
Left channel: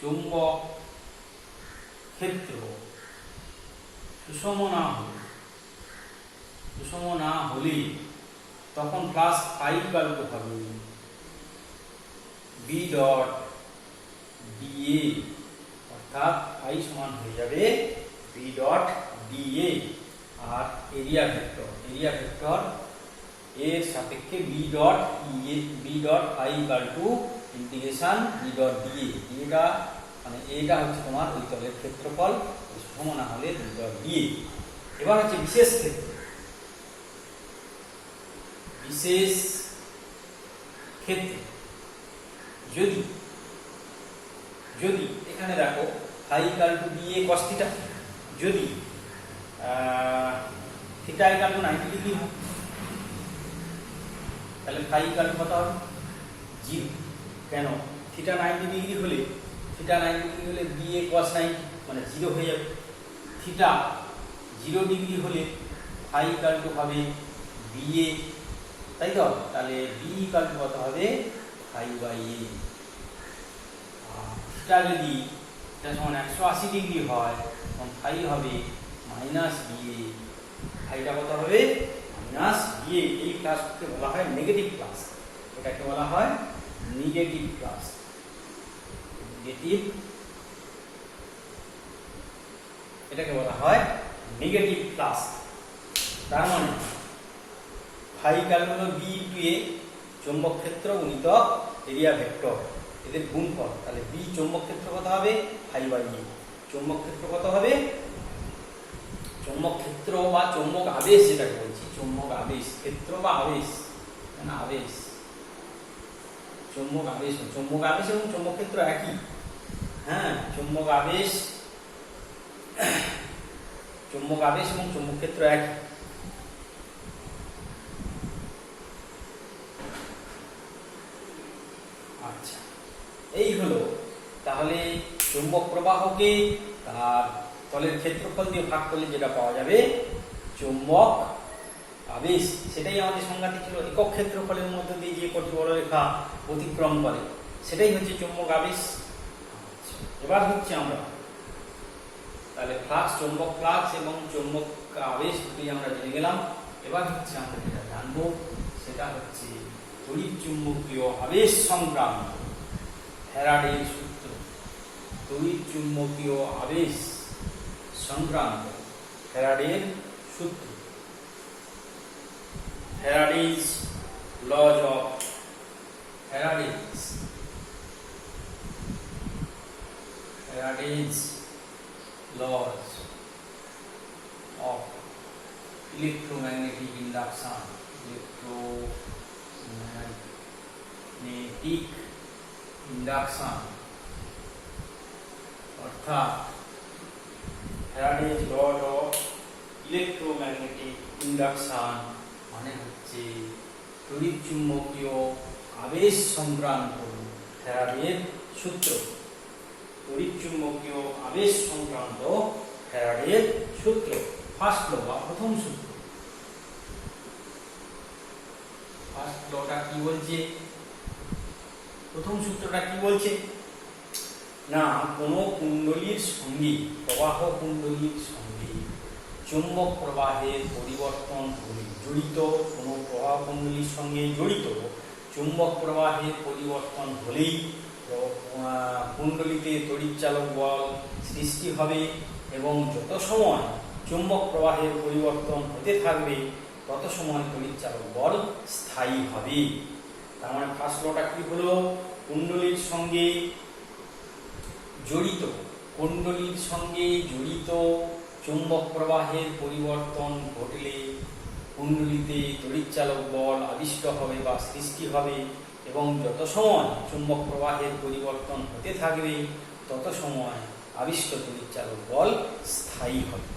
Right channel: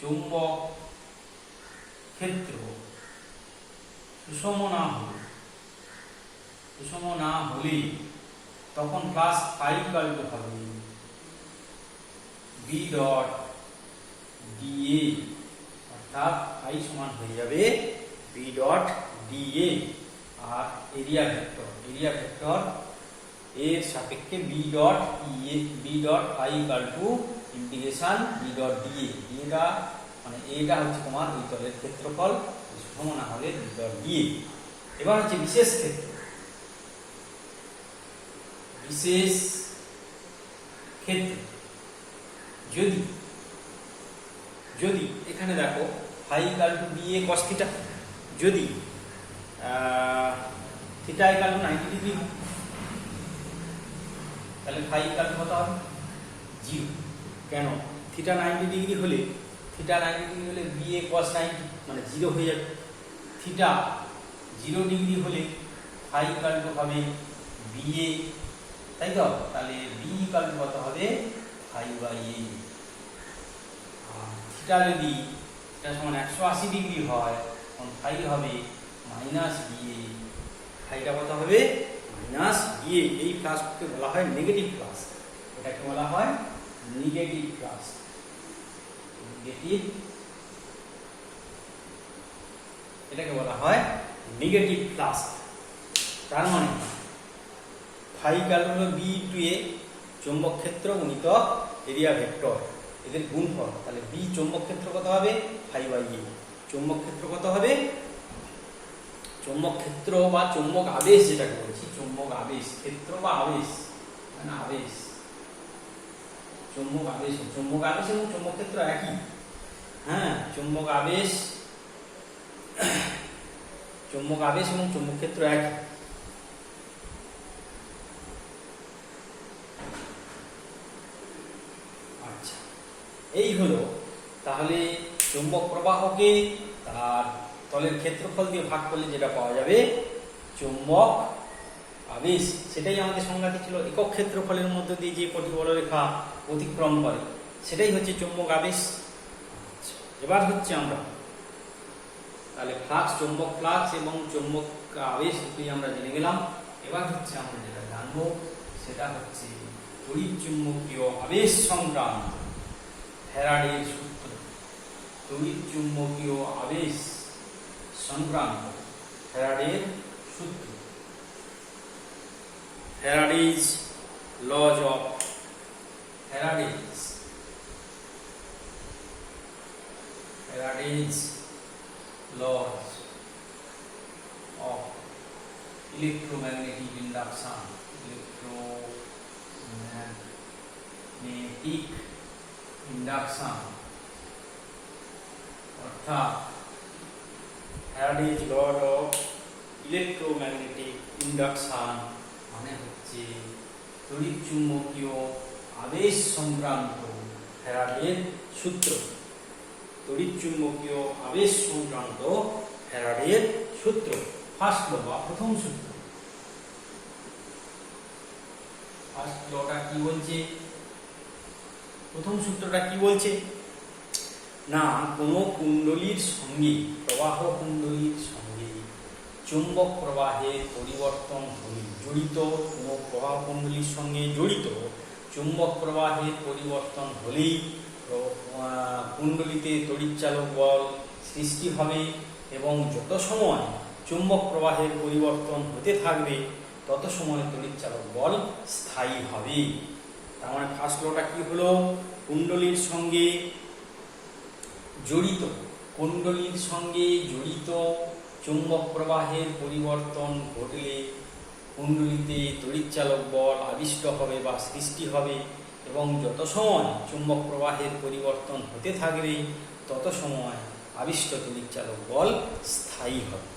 চৌম্বক ক্ষেত্র সুষম না হলে তখন প্লাস ফাই কাল্প হবে বি ডট ডিএ, অর্থাৎ ফাই সমান হয়ে যাবে বি ডট ডিএ। আর এরিয়া ভেক্টর এর সাপেক্ষে B dot phi equal to integration B dot dA. এটা মানে এটা হচ্ছে তোমার ওই তলের ক্ষেত্রফল সুষম না হলে বি ডট ডিএ। এবার হচ্ছে বিশেষ ক্ষেত্র। যদি এখানে দেখো phi equal to dA cos theta, যদি থিটা ইকুয়াল টু 90 ডিগ্রি হয়, তাহলে ফাই ইকুয়াল কত হবে? 0। কেন? থিটা 90 ডিগ্রি হলে বিএ cos 90 মানে 0 হয়ে যাবে। থিটা 0 ডিগ্রি হলে ফাই ইকুয়াল টু হবে বিএ, তাই তো? তাহলে বি ইকুয়াল টু কত হবে? Phi by A. থিটা যদি এটা সমান 180 ডিগ্রি হয়, তখন ফাই হবে মাইনাস বিএ। ফাইটা কত হবে? Minus BA. এই প্লাসকে বলা হয় নেগেটিভ প্লাস, এটাকে বলা হয় নেগেটিভ প্লাস। এটাকে বলা হয় নেগেটিভ প্লাস। তার মানে ফাই ইকুয়াল হলো বি ইনটু এ, চৌম্বক ক্ষেত্র গুণিত এরিয়া ভেক্টর, এদের গুণফল। তাহলে বি চৌম্বক ক্ষেত্র কত হবে? ফাই বাই এ। চৌম্বক ক্ষেত্র কত হবে? চৌম্বক ক্ষেত্র বা চৌম্বক আবেশ, যেটাকে বলছি চৌম্বক আবেশ, ক্ষেত্র বা আবেশ, না আবেশ, চৌম্বক আবেশ এবং চৌম্বক ক্ষেত্র একই। হ্যাঁ, চৌম্বক আবেশ এবং চৌম্বক ক্ষেত্র একই। আচ্ছা, এই হলো তাহলে চৌম্বক প্রবাহকে তার তলের ক্ষেত্রফল দিয়ে ভাগ করলে যেটা পাওয়া যাবে চৌম্বক আবেশ, সেটাই আমাদের সংজ্ঞাটি ছিল। একক ক্ষেত্রফলের মধ্য দিয়ে যে কটি বলরেখা অতিক্রম করে সেটাই হচ্ছে চৌম্বক আবেশ। এবার হচ্ছে আমরা তাহলে ফ্লাক্স, চৌম্বক ফ্লাক্স এবং চৌম্বক আবেশ আমরা জেনে গেলাম। এবার হচ্ছে আমরা যেটা জানবো সেটা হচ্ছে তড়িৎ চুম্বকীয় আবেশ সংক্রান্ত ফ্যারাডের সূত্র। তড়িৎ চুম্বকীয় আবেশ সংক্রান্ত ফ্যারাডের সূত্র, Faraday's laws of Faraday's laws of electromagnetic induction, অর্থাৎ Faraday's law of electromagnetic induction মানে হচ্ছে তড়িৎ চুম্বকীয় আবেশ সংক্রান্ত ফ্যারাডের সূত্র। তড়িৎ চুম্বকীয় আবেশ সংক্রান্ত ফ্যারাডের সূত্র, ফার্স্ট ল বা প্রথম সূত্র। ফার্স্ট লটা কি বলছে? প্রথম সূত্রটা কি বলছে? না, কোনো কুণ্ডলীর সঙ্গে, প্রবাহ কুণ্ডলীর সঙ্গে চুম্বক প্রবাহের পরিবর্তন হলে জড়িত, কোনো প্রবাহ কুণ্ডলীর সঙ্গে জড়িত চুম্বক প্রবাহের পরিবর্তন হলেই কুণ্ডলীতে তড়িৎচালক বল সৃষ্টি হবে এবং যত সময় চুম্বক প্রবাহের পরিবর্তন হতে থাকবে তত সময় তড়িৎচালক বল স্থায়ী হবে। তার মানে ফার্স্ট লটা কি হলো? কুণ্ডলীর সঙ্গে জড়িত চুম্বক প্রবাহের পরিবর্তন ঘটলে কুণ্ডলীতে তড়িৎচালক বল আবিষ্ট হবে বা সৃষ্টি হবে এবং যত সময় চুম্বক প্রবাহের পরিবর্তন হতে থাকবে তত সময় আবিষ্ট তড়িৎচালক বল স্থায়ী হবে।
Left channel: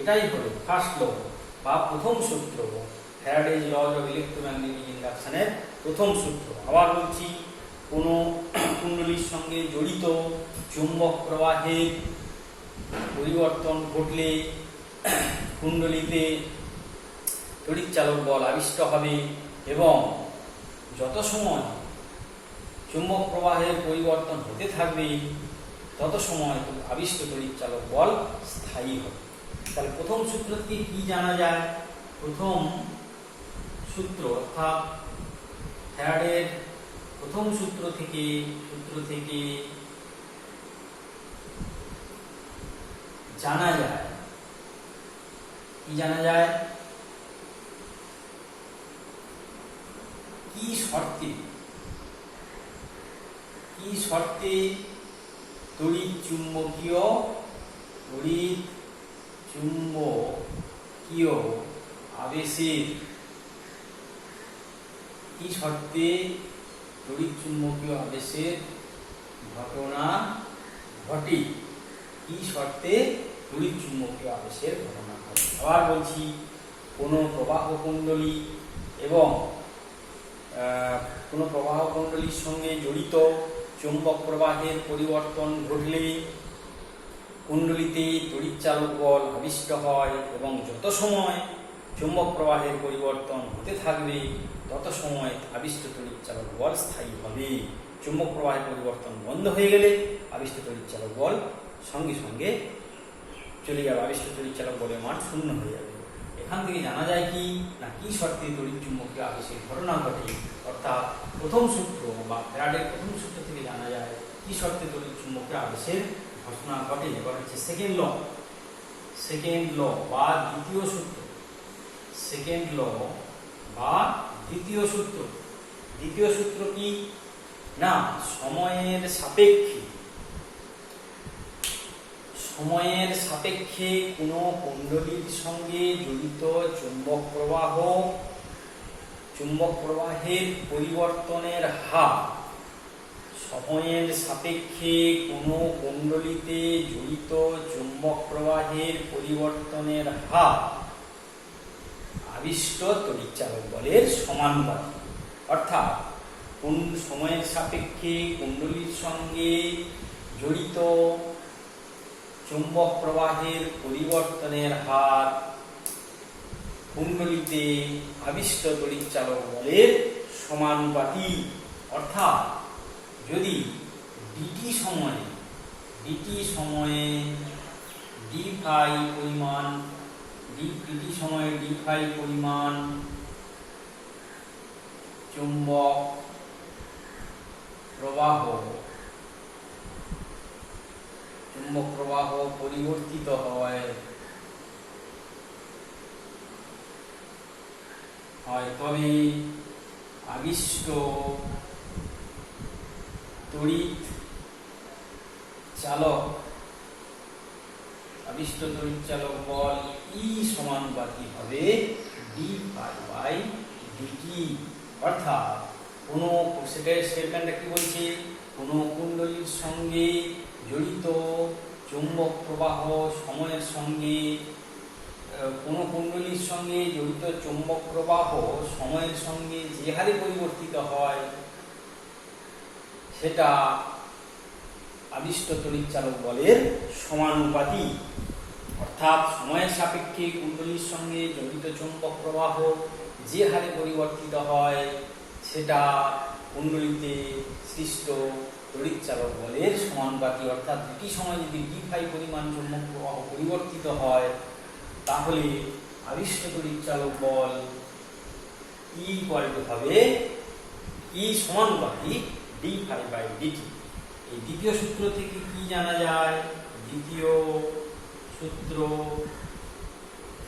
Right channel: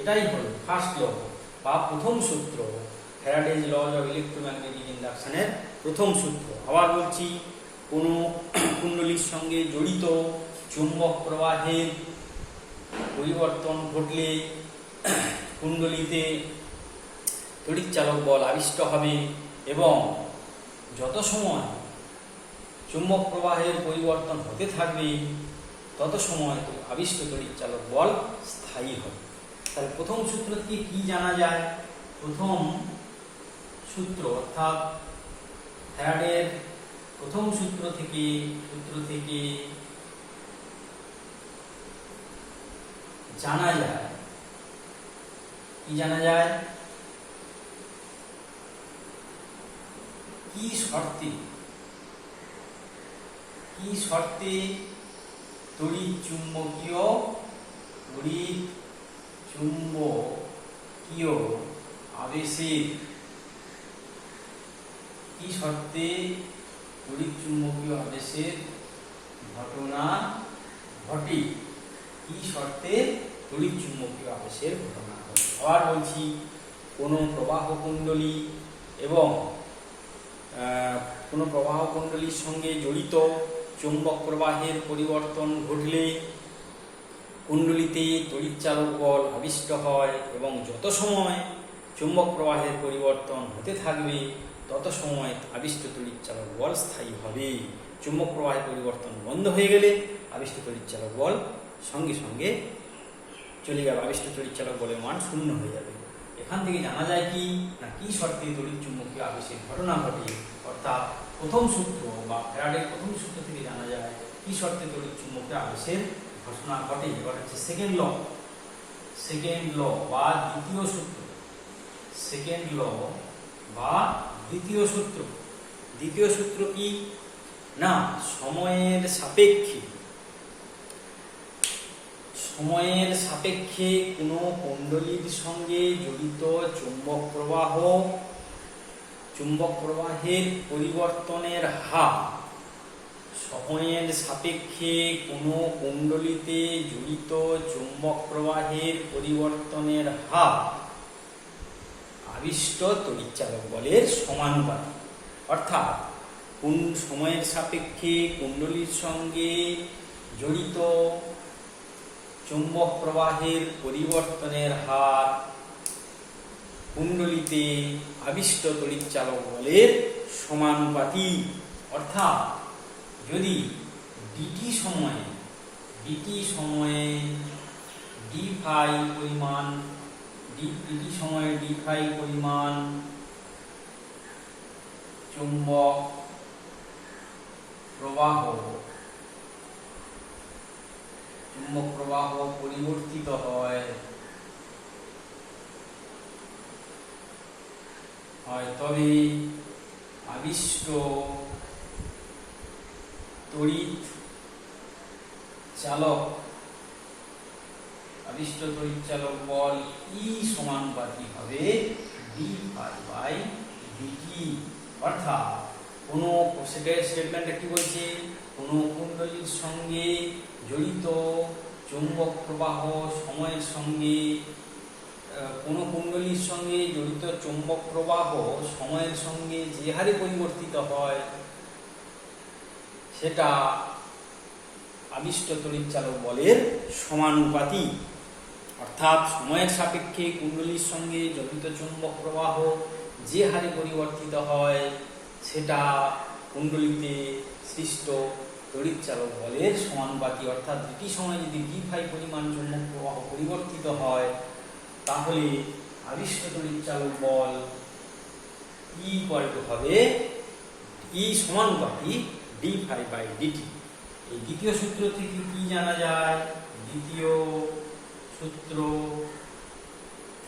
এটাই হলো ফার্স্ট ল বা প্রথম সূত্র, ফ্যারাডেজ লজ অফ ইলেকট্রোম্যাগনেটিক ইন্ডাকশনের প্রথম সূত্র। আবার বলছি, কোনো কুণ্ডলীর সঙ্গে জড়িত চুম্বক প্রবাহের পরিবর্তন ঘটলে কুণ্ডলীতে তড়িৎচালক বল আবিষ্ট হবে এবং যত সময় চুম্বক প্রবাহের পরিবর্তন হতে থাকবে তত সময় আবিষ্ট তড়িৎচালক বল স্থায়ী হবে। তাহলে প্রথম সূত্র থেকে কি জানা যায়? প্রথম সূত্র অর্থাৎ ফ্যারাডের প্রথম সূত্র থেকে জানা যায়, কি জানা যায়? কি শর্তে তড়িৎ চুম্বকীয় আবেশের ঘটনা ঘটে? কি শর্তে তড়িৎ চুম্বকীয় আবেশের ঘটনা ঘটে? আবার বলছি, কোনো প্রবাহ কুণ্ডলী এবং কোনো প্রবাহ কুণ্ডলীর সঙ্গে জড়িত চুম্বক প্রবাহের পরিবর্তন ঘটলে কুণ্ডলীতে তড়িৎচালক বল আবিষ্ট হয় এবং যত সময় চুম্বক প্রবাহের পরিবর্তন হতে থাকবে তত সময় আবিষ্ট তড়িৎচালক বল স্থায়ী হবে। চুম্বক প্রবাহের পরিবর্তন বন্ধ হয়ে গেলে আবিষ্ট তড়িৎচালক বল সঙ্গে সঙ্গে চলে যাবে, আবিষ্ট তড়িৎচালক বলের মান শূন্য হয়ে যাবে। এখান থেকে জানা যায় কি না, কি শর্তে তড়িৎ চুম্বকীয় আবেশের ঘটনা ঘটে, অর্থাৎ প্রথম সূত্র বা ফ্যারাডের প্রথম সূত্র থেকে জানা যায় কি শর্তে তড়িৎ চুম্বকীয় আবেশের ঘটনা ঘটে। এবার হচ্ছে সেকেন্ড ল বা দ্বিতীয় সূত্র। দ্বিতীয় সূত্র কি না, সময়ের সাপেক্ষে কোনো কুণ্ডলীর সঙ্গে জড়িত চুম্বক প্রবাহের পরিবর্তনের হার, সময়ের সাপেক্ষে কোনো কুণ্ডলীতে জড়িত চুম্বক প্রবাহের পরিবর্তনের হার আবিষ্ট তড়িৎচালক বলের সমানুপাতিক। অর্থাৎ কোন সময়ের সাপেক্ষে কুণ্ডলীর সঙ্গে জড়িত চুম্বক প্রবাহের পরিবর্তনের হার কুণ্ডলীতে আবিষ্ট তড়িৎচালক বলের সমানুপাতিক। অর্থাৎ যদি ডিটি সময়ে ডি ফাই পরিমাণ চুম্বক প্রবাহ পরিবর্তিত হয় তবে আবিষ্ট তড়িৎচালক বল ই সমানুপাতিক হবে ডি ফাই বাই ডিটি। অর্থাৎ কোনো স্টেটমেন্টটা কি বলছে, কোনো কুণ্ডলীর সঙ্গে জড়িত চুম্বক প্রবাহ সময়ের সঙ্গে যে হারে পরিবর্তিত হয় সেটা আবিষ্ট তড়িৎচালক বলের সমানুপাতিক। অর্থাৎ সময়ের সাপেক্ষে কুণ্ডলীর সঙ্গে জড়িত চুম্বক প্রবাহ যে হারে পরিবর্তিত হয় সেটা কুণ্ডলীতে সৃষ্ট তড়িৎচালক বলের সমানুপাতিক। অর্থাৎ দুটি সময় যদি ডি ফাই পরিমাণ চুম্বক প্রবাহ পরিবর্তিত হয় তাহলে আবিষ্ট তড়িৎচালক বল ই হবে ই সমানুপাতিক ডি ফাই বাই ডিটি। এই দ্বিতীয় সূত্র থেকে কি জানা যায়? দ্বিতীয় সূত্র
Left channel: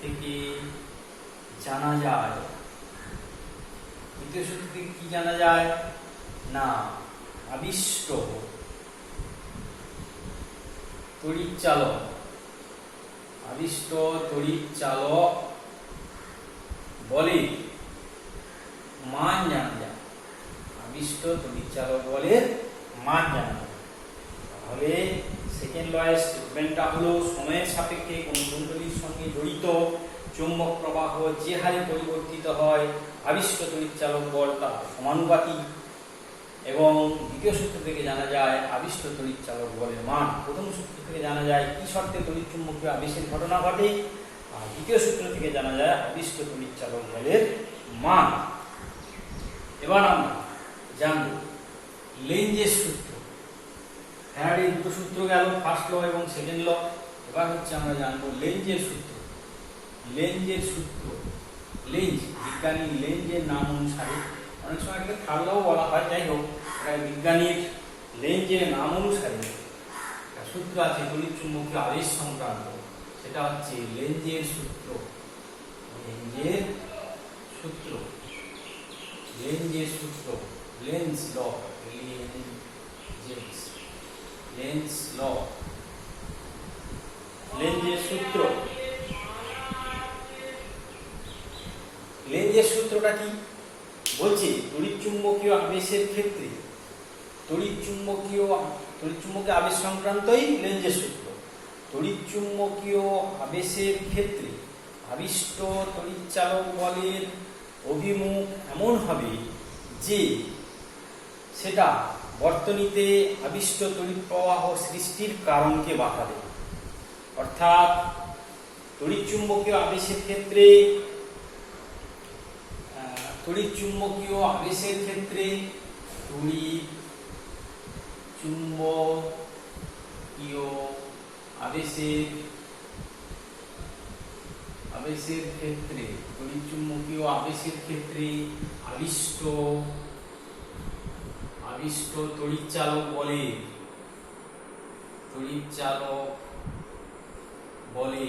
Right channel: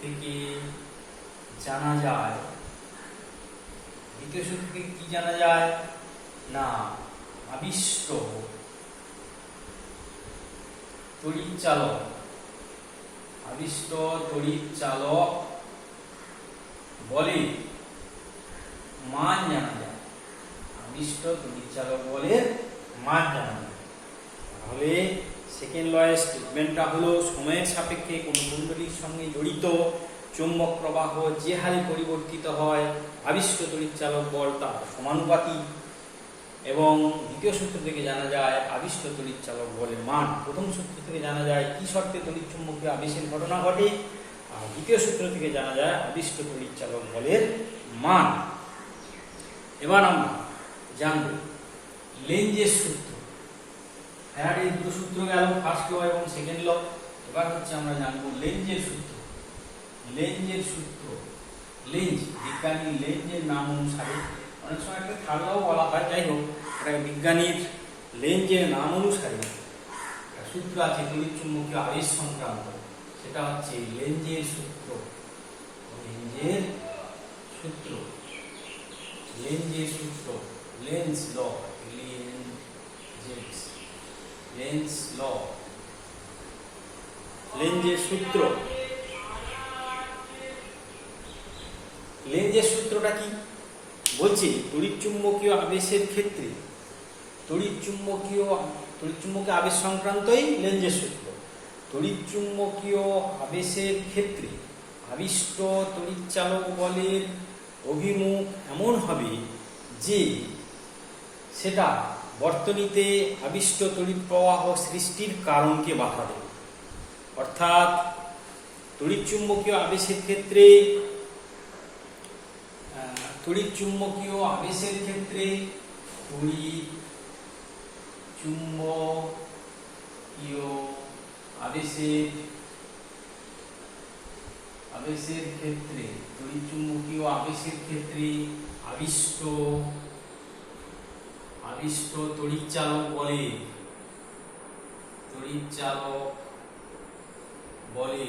থেকে কি জানা যায় না, আবিষ্ট তড়িৎচালক বলের মান জানা যায়। তাহলে সেকেন্ড লয়ের স্টেটমেন্টটা হলো সময়ের সাপেক্ষে কোন কুণ্ডলীর সঙ্গে জড়িত চৌম্বক প্রবাহ যে হারে পরিবর্তিত হয় আবিষ্ট তড়িৎচালক বল তার সমানুপাতিক। এবং দ্বিতীয় সূত্র থেকে জানা যায় আবিষ্ট তড়িৎচালক বলের মান। প্রথম সূত্র থেকে জানা যায় কি শর্তে তড়িৎচুম্বকীয় আবেশের ঘটনা ঘটে, আর দ্বিতীয় সূত্র থেকে জানা যায় আবিষ্ট তড়িৎচালক বলের মান। এবার আমরা জানব লেঞ্জের সূত্র। ফ্যারাডের দুটো সূত্র গেল, ফার্স্ট ল এবং সেকেন্ড ল। এবার হচ্ছে আমরা জানবো লেঞ্জের সূত্র। লেঞ্জের সূত্র, লেঞ্জ বিজ্ঞানী লেঞ্জের নাম অনুসারে, অনেক সময় এটাকে থার্ড লও বলা হয়, যাই হোক বিজ্ঞানীর লেঞ্জের নাম অনুসারে সূত্র আছে তড়িৎচুম্বকীয় আবেশ সংক্রান্ত, সেটা হচ্ছে লেঞ্জের সূত্র। লেঞ্জের সূত্র, লেঞ্জের সূত্র, লেন্স ল, লেন্স ল, লেঞ্জের সূত্র। লেঞ্জের সূত্রটা কি বলছি? তড়িৎচুম্বকীয় আবেশের ক্ষেত্রে তড়িৎচুম্বকীয় আবেশ সংক্রান্তই লেঞ্জের সূত্র। তড়িৎচুম্বকীয় আবেশের ক্ষেত্রে আবিষ্ট তড়িৎচালক বলের অভিমুখ এমন হবে যে সেটা বর্তনীতে আবিষ্ট তড়িৎ প্রবাহ সৃষ্টির কারণকে বাধা দেবে। অর্থাৎ তড়িৎচুম্বকীয় আবেশের ক্ষেত্রে তড়িৎচুম্বকীয় আবেশের ক্ষেত্রে তড়িৎচুম্বকীয় আবেশের ক্ষেত্রে তড়িৎচুম্বকীয় আবেশের ক্ষেত্রে আবিষ্ট তড়িৎচালক বলে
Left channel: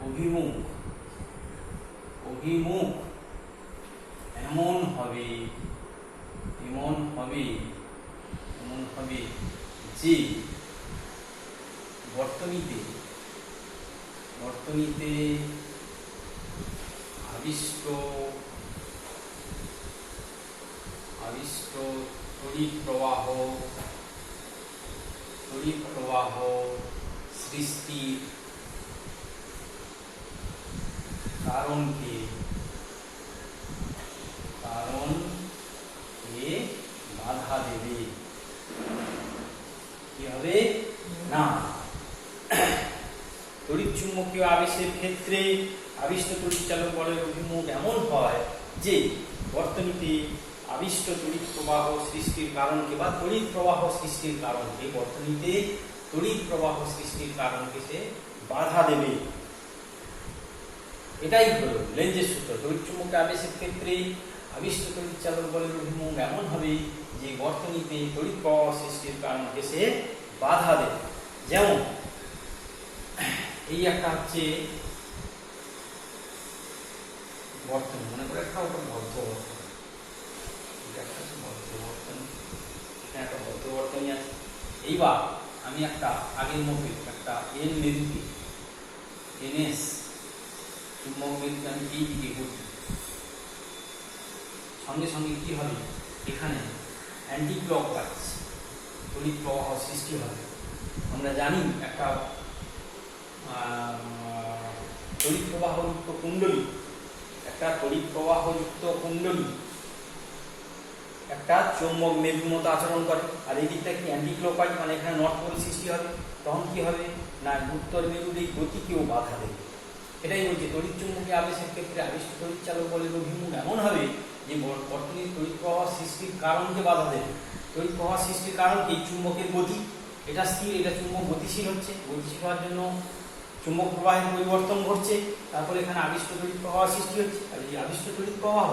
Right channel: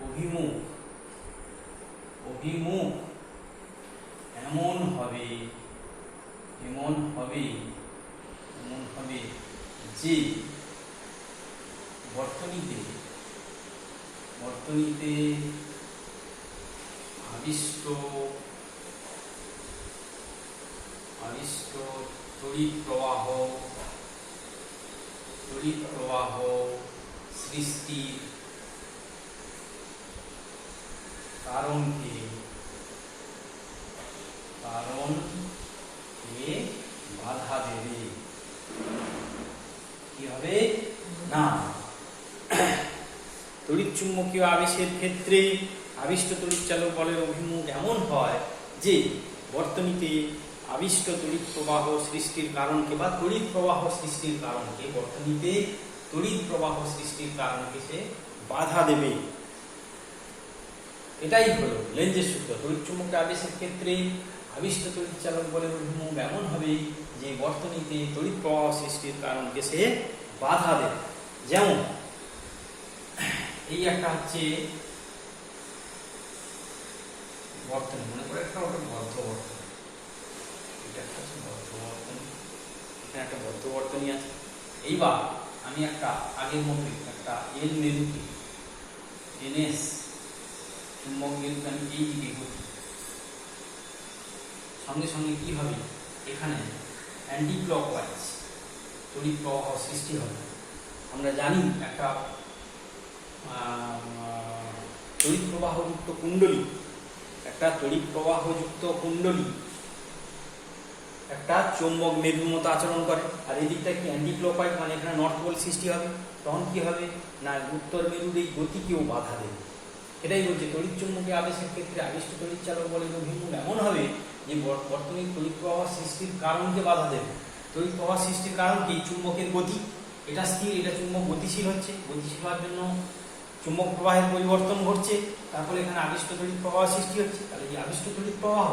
অভিমুখ এমন হবে যে বর্তনীতে আবিষ্ট তড়িৎ প্রবাহ সৃষ্টির কারণকে বাধা দেবে। কি হবে না, তড়িৎচুম্বকীয় আবেশের ক্ষেত্রে আবিষ্ট তড়িৎচালক বলের অভিমুখ এমন হয় যে বর্তনীতে আবিষ্ট তড়িৎ প্রবাহ সৃষ্টির কারণকে বা তড়িৎ প্রবাহ সৃষ্টির কারণকে বর্তনীতে তড়িৎ প্রবাহ সৃষ্টির কারণকে সে বাধা দেবে। এটাই হলো লেঞ্জের সূত্র। তড়িৎচুম্বকীয় আবেশের ক্ষেত্রে আবিষ্ট তড়িৎচালক বলের অভিমুখ এমন হবে যে বর্তনীতে তড়িৎ প্রবাহ সৃষ্টির কারণকে সে বাধা দেবে। যেমন এই একটা হচ্ছে বর্তনী, মনে করে একটা ওটা বদ্ধ বর্তনী, এটা একটা হচ্ছে বদ্ধ বর্তনী, এখানে একটা বদ্ধ বর্তনী আছে। এইবার আমি একটা আগের মতো একটা এন মেরুতে এনএস চুম্বক মেরুতে আমি এই দিকে ঘুরছি, সঙ্গে সঙ্গে কি হবে, এখানে অ্যান্টি ক্লকওয়াইজ তড়িৎ প্রবাহ সৃষ্টি হবে। আমরা জানি একটা তড়িৎ প্রবাহযুক্ত কুণ্ডলী, একটা চৌম্বক মেরুর মতো আচরণ করে, আর এই দিকটা কি অ্যান্টি ক্লকওয়াইজ, মানে এখানে নর্থ পোল সৃষ্টি হবে। তখন কি হবে না, উত্তর মেরুর এই গতিকেও বাধা দেবে। এটাই বলছে তড়িৎচুম্বকীয় আবেশের ক্ষেত্রে আবিষ্ট তড়িৎচালক বলের অভিমুখ এমন হবে যে বর্তনীর তড়িৎ প্রবাহ সৃষ্টির কারণকে বাধা দেবে। তড়িৎ প্রবাহ সৃষ্টির কারণ কি, চুম্বকের গতি, এটা স্থির, এটা চুম্বক গতিশীল হচ্ছে, গতিশীল হওয়ার জন্য চুম্বক প্রবাহের পরিবর্তন ঘটছে, তারপরে এখানে আবিষ্ট তড়িৎ প্রবাহ সৃষ্টি হচ্ছে। তাহলে এই আবিষ্ট তড়িৎ প্রবাহ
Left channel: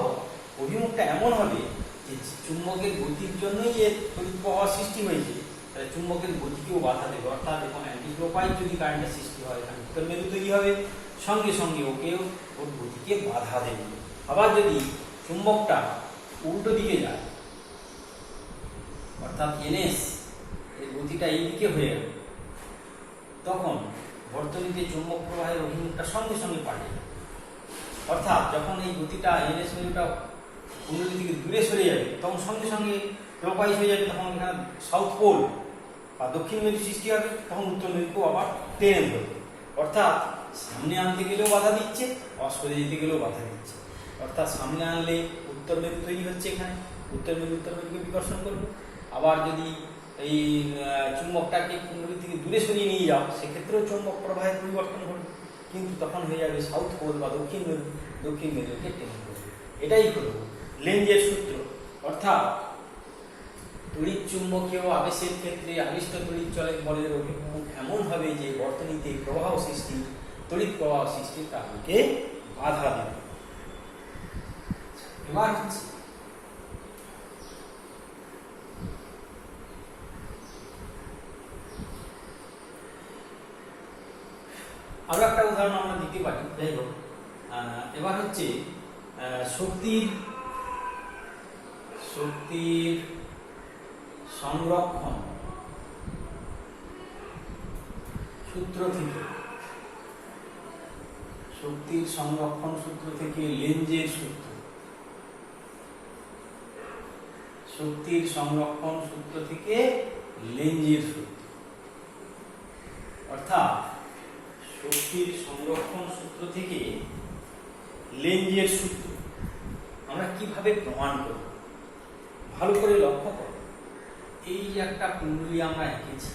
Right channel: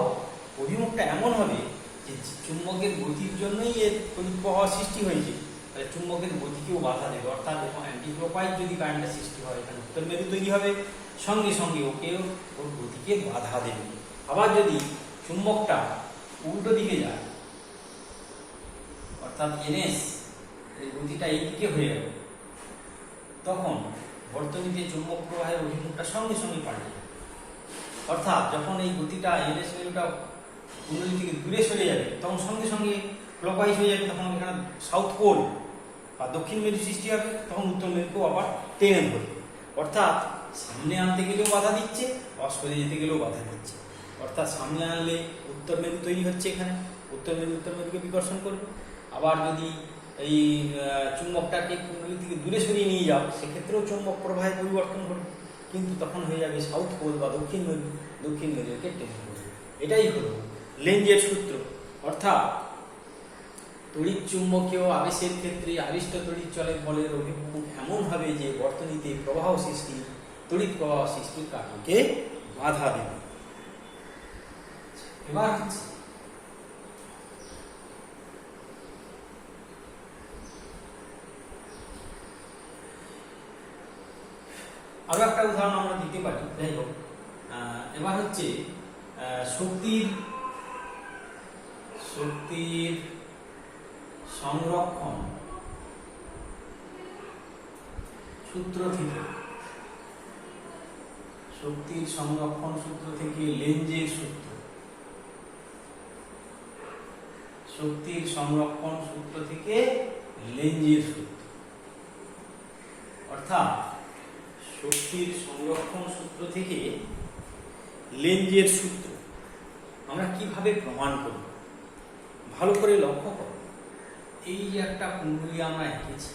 অভিমুখটা এমন হবে যে চুম্বকের গতির জন্যই এর তড়িৎ প্রবাহ সৃষ্টি হয়েছে, তাহলে চুম্বকের গতিকেও বাধা দেবে। অর্থাৎ এখন অ্যান্টি ক্লকওয়াইজ যদি কারেন্টের সৃষ্টি হয়, এখানে উত্তর মেরু তৈরি হবে, সঙ্গে সঙ্গে ওর গতিকে বাধা দেবে। আবার যদি চুম্বকটা উল্টো দিকে যায়, অর্থাৎ এনএস এর গতিটা এই দিকে হয়ে যাবে, তখন বর্তনীতে চুম্বক প্রবাহের অভিমুখটা সঙ্গে সঙ্গে পাল্টে যাবে। অর্থাৎ যখন এই গতিটা এনএস মেরুটা কুণ্ডলী থেকে দূরে সরে যাবে, তখন সঙ্গে সঙ্গে ক্লকওয়াইজ হয়ে যাবে, তখন এখানে সাউথ পোল বা দক্ষিণ মেরু সৃষ্টি হবে, তখন উত্তর মেরুকেও আবার টেনে ধরবে। অর্থাৎ সামনে আনতে গেলেও বাধা দিচ্ছে, আবার সরে যেতে গেলেও বাধা দিচ্ছে। অর্থাৎ সামনে আনলে উত্তর মেরু তৈরি হচ্ছে, এখানে উত্তর মেরুকে বিকর্ষণ করবে। আবার যদি এই চুম্বকটাকে কুণ্ডলী থেকে দূরে সরিয়ে নিয়ে যাও, সেক্ষেত্রেও চুম্বক প্রবাহের পরিবর্তন ঘটবে, কিন্তু তখন হয়ে যাবে সাউথ পোল বা দক্ষিণ মেরুকে টেনে ধরবে। এটাই হলো লেঞ্জের সূত্র। অর্থাৎ তড়িৎ চুম্বকীয় আবেশের ক্ষেত্রে আবিষ্ট তড়িৎ চলের বলের অভিমুখ এমন হবে যে বর্তনীতে প্রবাহ সৃষ্টি, তড়িৎ প্রবাহ সৃষ্টির কারণকে বাধা দেবে। এবার হচ্ছে আরো একটা উদাহরণ আমরা দিতে পারি। যাই হোক, এবার হচ্ছে শক্তির সংরক্ষণ সূত্র থেকে, শক্তির সংরক্ষণ সূত্র থেকে লেঞ্জের সূত্র, শক্তির সংরক্ষণ সূত্র থেকে লেঞ্জের সূত্র। অর্থাৎ শক্তির সংরক্ষণ সূত্র থেকে লেঞ্জের সূত্র আমরা কিভাবে প্রমাণ করব, ভালো করে লক্ষ্য করো। এই যে একটা কুণ্ডলী আমরা এঁকেছি,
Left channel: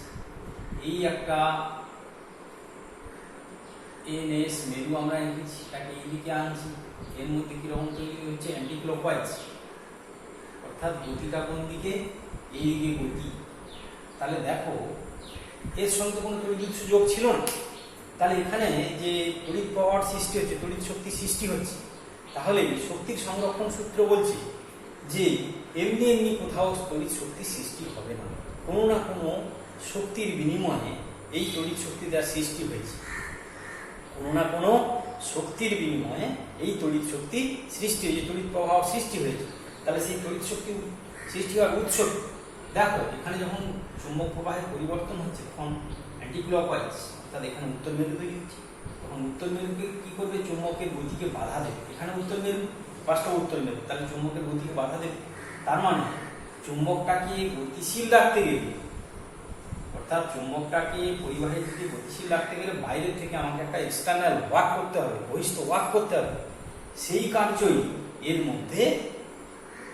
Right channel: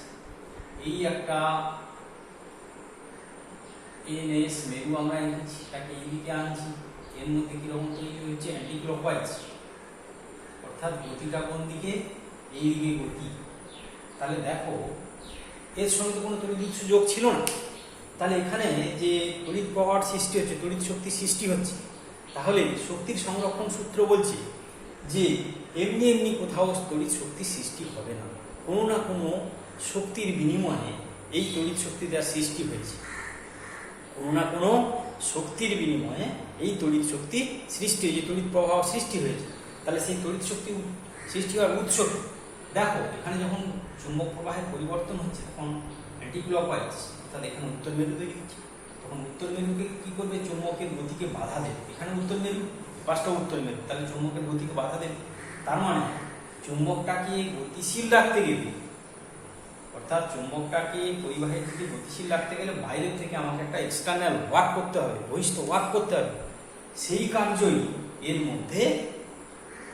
এই একটা এনএস মেরু আমরা এঁকেছি, তাকে এইদিকে আনছি, এর মধ্যে কিরকম তৈরি হচ্ছে অ্যান্টিক্লকওয়াইজ, অর্থাৎ গতিটা কোন দিকে, এইদিকে গতি। তাহলে দেখো এর সঙ্গে কোনো তড়িৎ উৎস যোগ ছিল না, তাহলে এখানে যে তড়িৎ প্রবাহ সৃষ্টি হচ্ছে, তড়িৎ শক্তি সৃষ্টি হচ্ছে, তাহলে শক্তির সংরক্ষণ সূত্র বলছে যে এমনি এমনি কোথাও তড়িৎ শক্তি সৃষ্টি হবে না, কোনো না কোনো শক্তির বিনিময়ে এই তড়িৎ শক্তি যার সৃষ্টি হয়েছে, কোনো না কোনো শক্তির বিনিময়ে এই তড়িৎ শক্তি সৃষ্টি হয়েছে, তড়িৎ প্রবাহ সৃষ্টি হয়েছে। তাহলে সেই তড়িৎ শক্তি সৃষ্টি হওয়ার উৎস দেখো, এখানে যখন চুম্বক প্রবাহের পরিবর্তন হচ্ছে তখন অ্যান্টিক্লকওয়াইজ, অর্থাৎ এখানে উত্তর মেরু তৈরি হচ্ছে, তখন উত্তর মেরুকে কি করবে, চুম্বকের গতিকে বাধা দেবে। এখানে উত্তর মেরু, পাঁচটা উত্তর মেরু, তাহলে চুম্বকের গতিকে বাধা দেবে। তার মানে চুম্বকটাকে গতিশীল রাখতে গেলে, অর্থাৎ চুম্বকটাকে পরিবাহের দিকে গতিশীল রাখতে গেলে বাইরের থেকে আমাকে একটা এক্সটার্নাল ওয়ার্ক করতে হবে, বহিষ্ঠ ওয়ার্ক করতে হবে। সেই কার্যই এর মধ্যে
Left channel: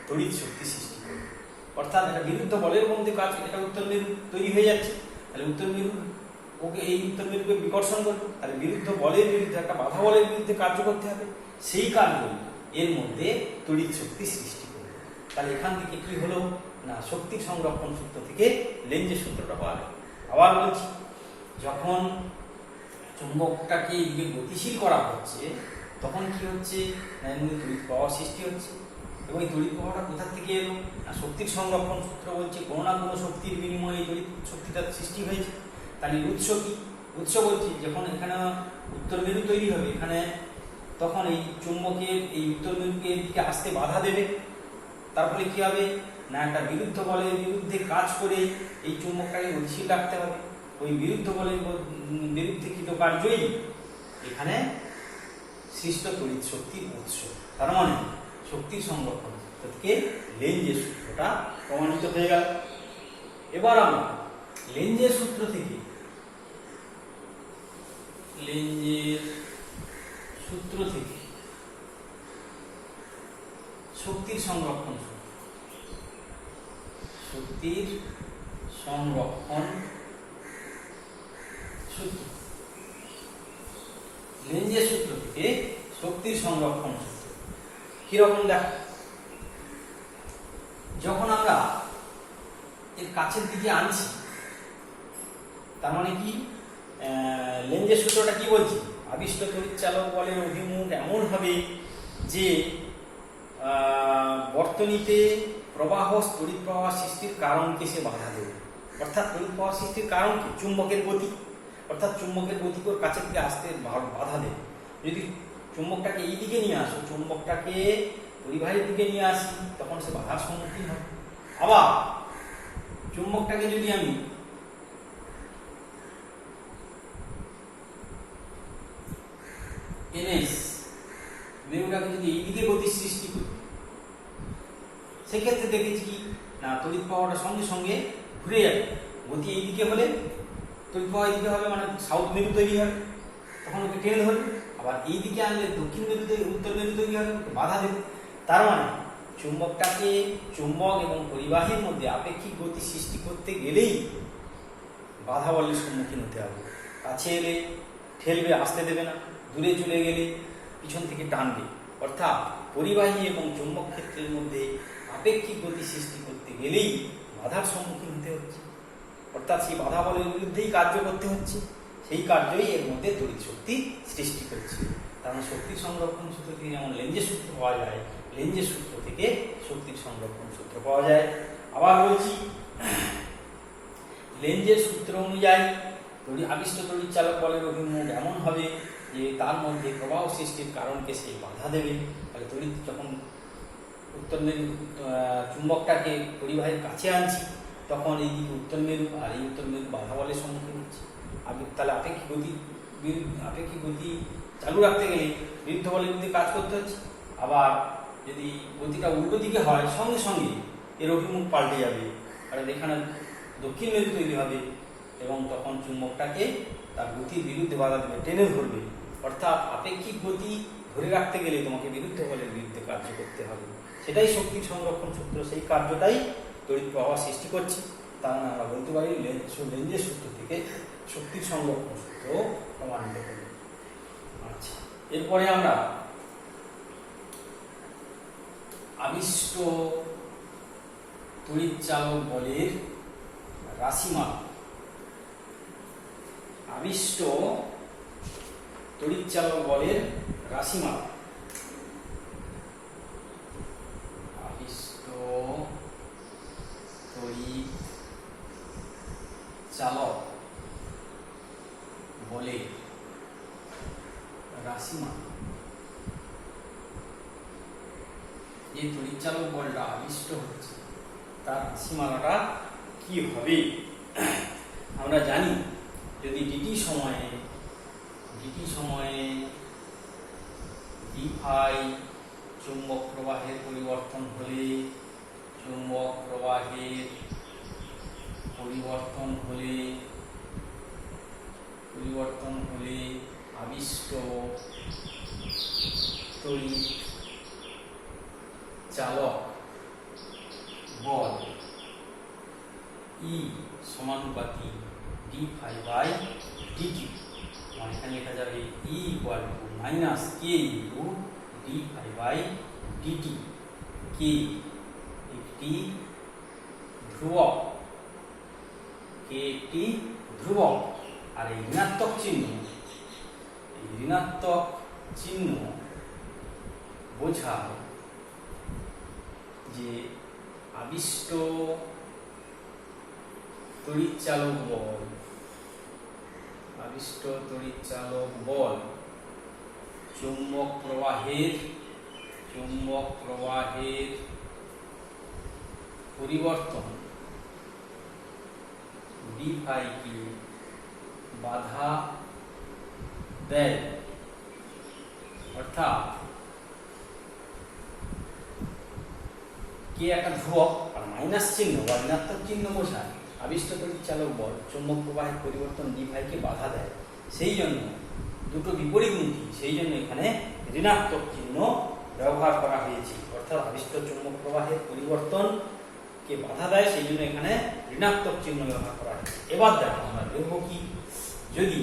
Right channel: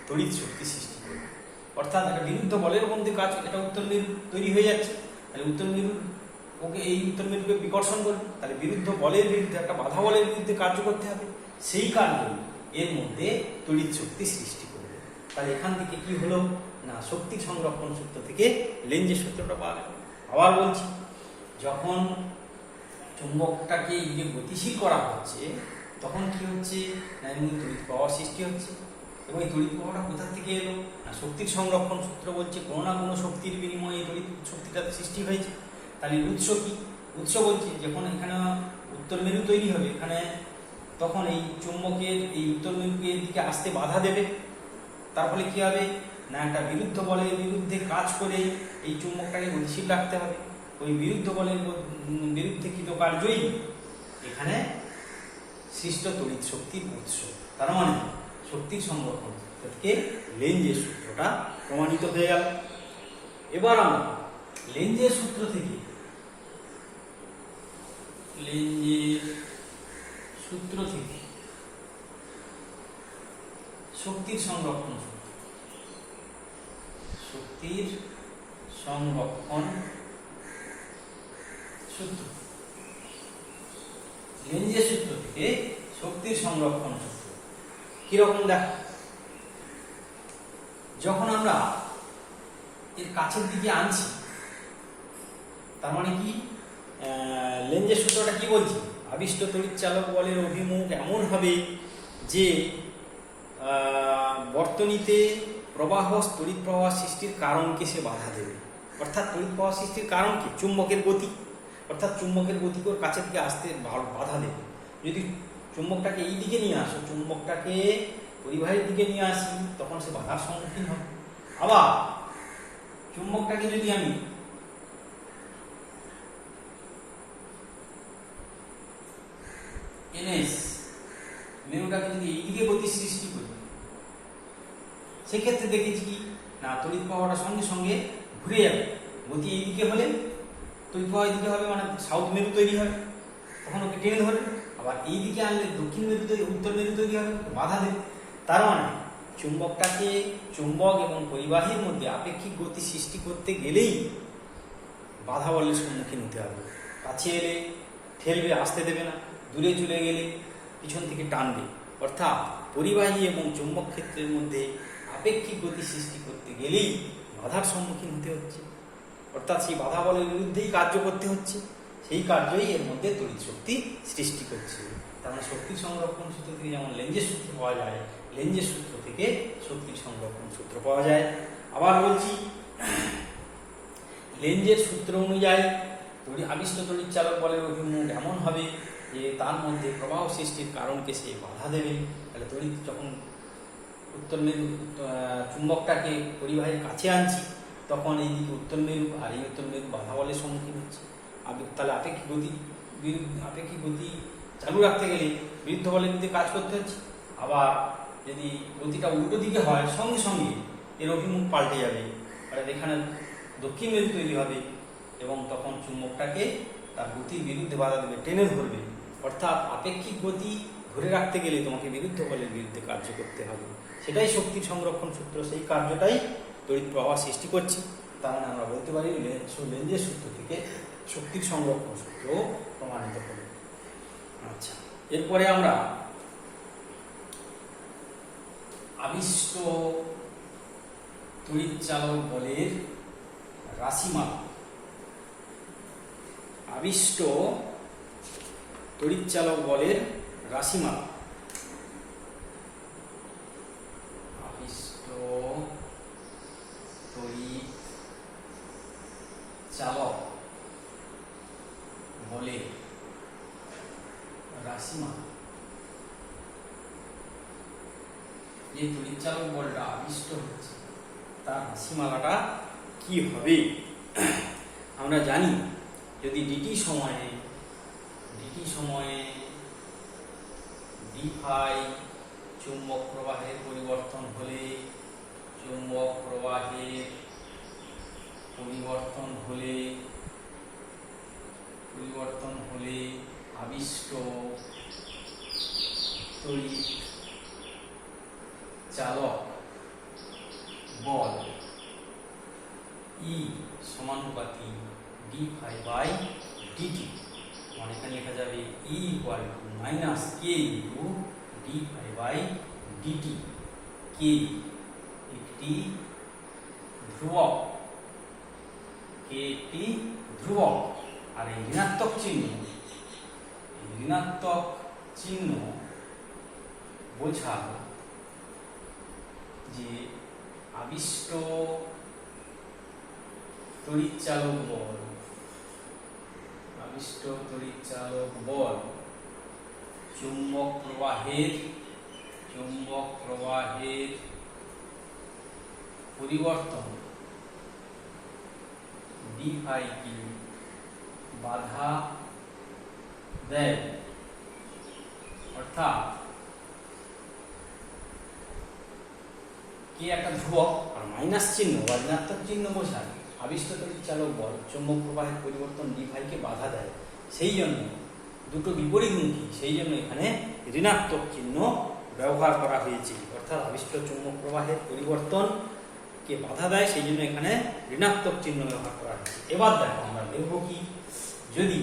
তড়িৎ শক্তি সৃষ্টি করবে। অর্থাৎ একটা বিরুদ্ধ বলের মধ্যে কাজ, এটা উত্তর মেরু তৈরি হয়ে যাচ্ছে, তাহলে উত্তর মেরু ওকে, এই উত্তর মেরুকে বিকর্ষণ করবে, তাহলে বিরুদ্ধ বলের বিরুদ্ধে, একটা বাধা বলের বিরুদ্ধে কার্য করতে হবে। সেই কার্যই এর মধ্যে তড়িৎ শক্তি সৃষ্টি করবে। তাহলে এখান থেকে কি হলো না, শক্তি সংরক্ষণ সূত্র থেকে লেঞ্জের সূত্রটা পাওয়া গেল। আবার বলছি, যখন চুম্বকটাকে এদিকে গতিশীল করা হচ্ছে তখন কি হচ্ছে না, এমনি তড়িৎ প্রবাহ সৃষ্টি হচ্ছে, এবং এই তড়িৎ প্রবাহটা কোথা থেকে এলো না, শক্তির সংরক্ষণ সূত্র বলছে কোনো না কোনো শক্তির বিনিময়ে এই তড়িৎ শক্তিটা সৃষ্টি হয়েছে। তাহলে উৎস কি, উৎস বলছে যখন এখানে উত্তর মেরু তৈরি হবে, এখানে তখন এই চুম্বকের এই উত্তর মেরুকে এদিকে আসতে বাধা দেবে। তার ফলে কি হবে না, একটা বিরুদ্ধ বলের বিরুদ্ধে কাজ করে এই চুম্বকটাকে গতিশীল রাখতে হবে। ওই বিরুদ্ধ বলের বিরুদ্ধে কৃত কার্যই এখানে সৃষ্ট তড়িৎ শক্তির উৎস। তার মানে শক্তির সংরক্ষণ থেকে লেঞ্জের সূত্রটা প্রমাণিত হয়ে গেল। এবার আমরা লেঞ্জের সূত্র থেকে, লেঞ্জের সূত্র থেকে শক্তির সংরক্ষণ, শক্তির সংরক্ষণ সূত্র, লেঞ্জের সূত্র থেকে শক্তির সংরক্ষণ সূত্র কিরকম দেখো, যখন আমরা এর কাছের দিকে আনছি, তার মানে কি, লেঞ্জের সূত্রটা কি বলছি, আবিষ্ট তড়িৎ চালক বলের অভিমুখ এমন হবে যে বর্তনীতে প্রবাহ, তড়িৎ প্রবাহ সৃষ্টির কারণকে সে বাধা দেবে। অর্থাৎ তড়িৎ প্রবাহ সৃষ্টির কারণ কি, চুম্বকের গতি, অর্থাৎ চুম্বকের গতিকে ওর কাছের দিকে আসতে বাধা দেবে। যদি চুম্বকটাকে এই দিকে নিয়ে আসো, চুম্বকটাকে পরিবাহের দিকে নিয়ে আসি, তখন সে বাধার সম্মুখীন হবে। আবার চুম্বকটাকে যদি আমি এনএস মেরুটাকে যদি এইদিকে গতি সৃষ্টি করি, সেক্ষেত্রে দেখেছি কি না, তড়িৎ প্রবাহটা সঙ্গে সঙ্গে ঘুরে যাবে, গতি এইদিকে হলে তড়িৎ প্রবাহ এইদিকে হবে, মানে সাউথ মেরু তৈরি হবে, তখন ওকে টেনে ধরবে। আবার এইদিকে আনলে দক্ষিণ মেরু তৈরি, উত্তর মেরু তৈরি হবে, বাধা দেবে। তার মানে চুম্বকটাকে, চুম্বক এবং পরিবাহীর মধ্যে আপেক্ষিক গতি সৃষ্টি করতে গেলেই বাধা বলের সম্মুখীন হতে হবে। কাছে এলে ঠেলবে, আসতে দেবে না, দূরে চলে গেলে পিছন থেকে টানবে। অর্থাৎ পরিবাহী এবং চুম্বক ক্ষেত্রের মধ্যে আপেক্ষিক গতি সৃষ্টি করতে গেলেই বাধার সম্মুখীন হতে হচ্ছে, অর্থাৎ সেই বাধা বলের বিরুদ্ধেই কার্য করতে হচ্ছে। সেই কার্যই এর মধ্যে তড়িৎ শক্তি সৃষ্টি করছে। তার মানে শক্তি সংরক্ষণ সূত্র থেকে যেমন লেঞ্জের সূত্র পাওয়া যায়, লেঞ্জের সূত্র থেকে শক্তির সংরক্ষণ সূত্র পাওয়া যায়। আবার বলছি, লেঞ্জের সূত্র অনুযায়ী আবিষ্ট তড়িৎ চালক বলের অভিমুখ এমন হবে যে তার মধ্যে প্রবাহ সৃষ্টির কারণকে সে বাধা দেবে। তাহলে তড়িৎ যখন উত্তর মেরু চুম্বকটাকে পরিবাহীর কাছে আনছি, তখন এইদিকে উত্তর মেরু আর এই উত্তর মেরু বাধা বলের সম্মুখীন হচ্ছে। তাহলে আপেক্ষিক গতি চালু রাখতে গেলে বিরুদ্ধ বলের বিরুদ্ধে কাজ করতে হচ্ছে। আবার যদি গতিটা উল্টো দিকে হয়, সঙ্গে সঙ্গে এর অভিমুখ পাল্টে যাবে, কারণ এখানে দক্ষিণ মেরু তৈরি হবে এবং তখন চুম্বকটাকে তার গতির বিরুদ্ধে বাধা দেবে, টেনে ধরবে। অর্থাৎ আপেক্ষিক গতি ধরে রাখতে গেলে তোমাকে বিরুদ্ধ বলের বিরুদ্ধে কার্য করতে হবে। সেটাই শক্তির সংরক্ষণ সূত্র, সেই কার্যটাই তড়িৎ প্রবাহ সৃষ্টি করছে। তার মানে আমরা বলতে পারি লেঞ্জের সূত্র থেকে শক্তির সংরক্ষণ সূত্র প্রমাণিত করি। আচ্ছা, এরপরে আমরা আবিষ্ট তড়িৎ চালক বলের রাশিমালা। আবিষ্ট তড়িৎ চালক বলের রাশিমালা। আবিষ্ট তড়িৎ চালক বলের রাশিমালা। যে তড়িৎ চালক বলটা আবিষ্ট হচ্ছে তার রাশিমালাটা কি হবে? আমরা জানি, যদি ডিটি সময়ে ডি ফাই চুম্বক প্রবাহের পরিবর্তন হলে, আবিষ্ট তড়িৎ চালক বল ই সমানুপাতি ডি ফাই বাই ডিটি। মানে এখানে লেখা যাবে e equal to minus k into d phi by dt. K একটি ধ্রুবক, আর এই ঋণাত্মক চিহ্ন বোঝায় যে আবিষ্ট তড়িৎ চালক বল চুম্বক প্রবাহের পরিবর্তন ডি ফাই কে বাধা দেয়। অর্থাৎ কে একটা ধ্রুবক আর মাইনাস চিহ্ন বা ঋণাত্মক চিহ্ন বোঝায় আবিষ্ট তড়িৎ চালক বল চুম্বক প্রবাহের পরিবর্তন ডি ফাই কে বাধা দেয়। সেই জন্য দুটো বিপরীতমুখী, সেই জন্য এখানে ঋণাত্মক চিহ্ন ব্যবহার করা হয়েছে। অর্থাৎ আবিষ্ট চুম্বক প্রবাহের পরিবর্তন কে বাধা দেয়, সেই জন্য এখানে ঋণাত্মক চিহ্ন ব্যবহার করা হয়েছে। এবার দেখো আমরা দেখব কি, যদি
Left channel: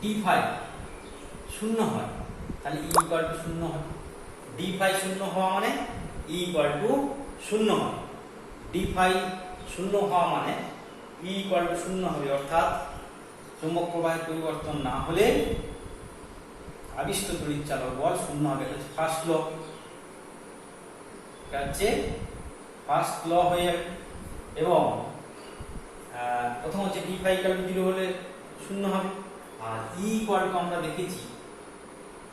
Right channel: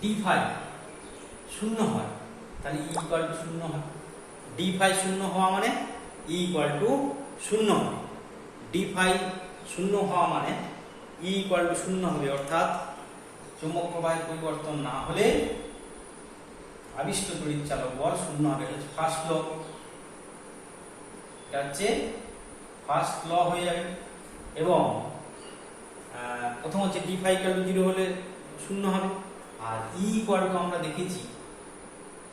ডি ফাই শূন্য হয় তাহলে ই ইকুয়াল টু শূন্য হয়। ডি ফাই শূন্য হওয়া মানে ই ইকুয়াল টু শূন্য হয়। ডি ফাই শূন্য হওয়া মানে ই ইকুয়াল টু শূন্য হবে। অর্থাৎ চুম্বক প্রবাহের পরিবর্তন না হলে আবিষ্ট তড়িৎ চালক বল শূন্য হবে। ফার্স্ট ল, এটা হচ্ছে ফার্স্ট ল হয়ে যাবে। এবং প্রথম হচ্ছে ডি ফাই ইকুয়াল টু 0 হলে শূন্য হবে। আর ই ইকুয়াল টু আমরা দেখেছি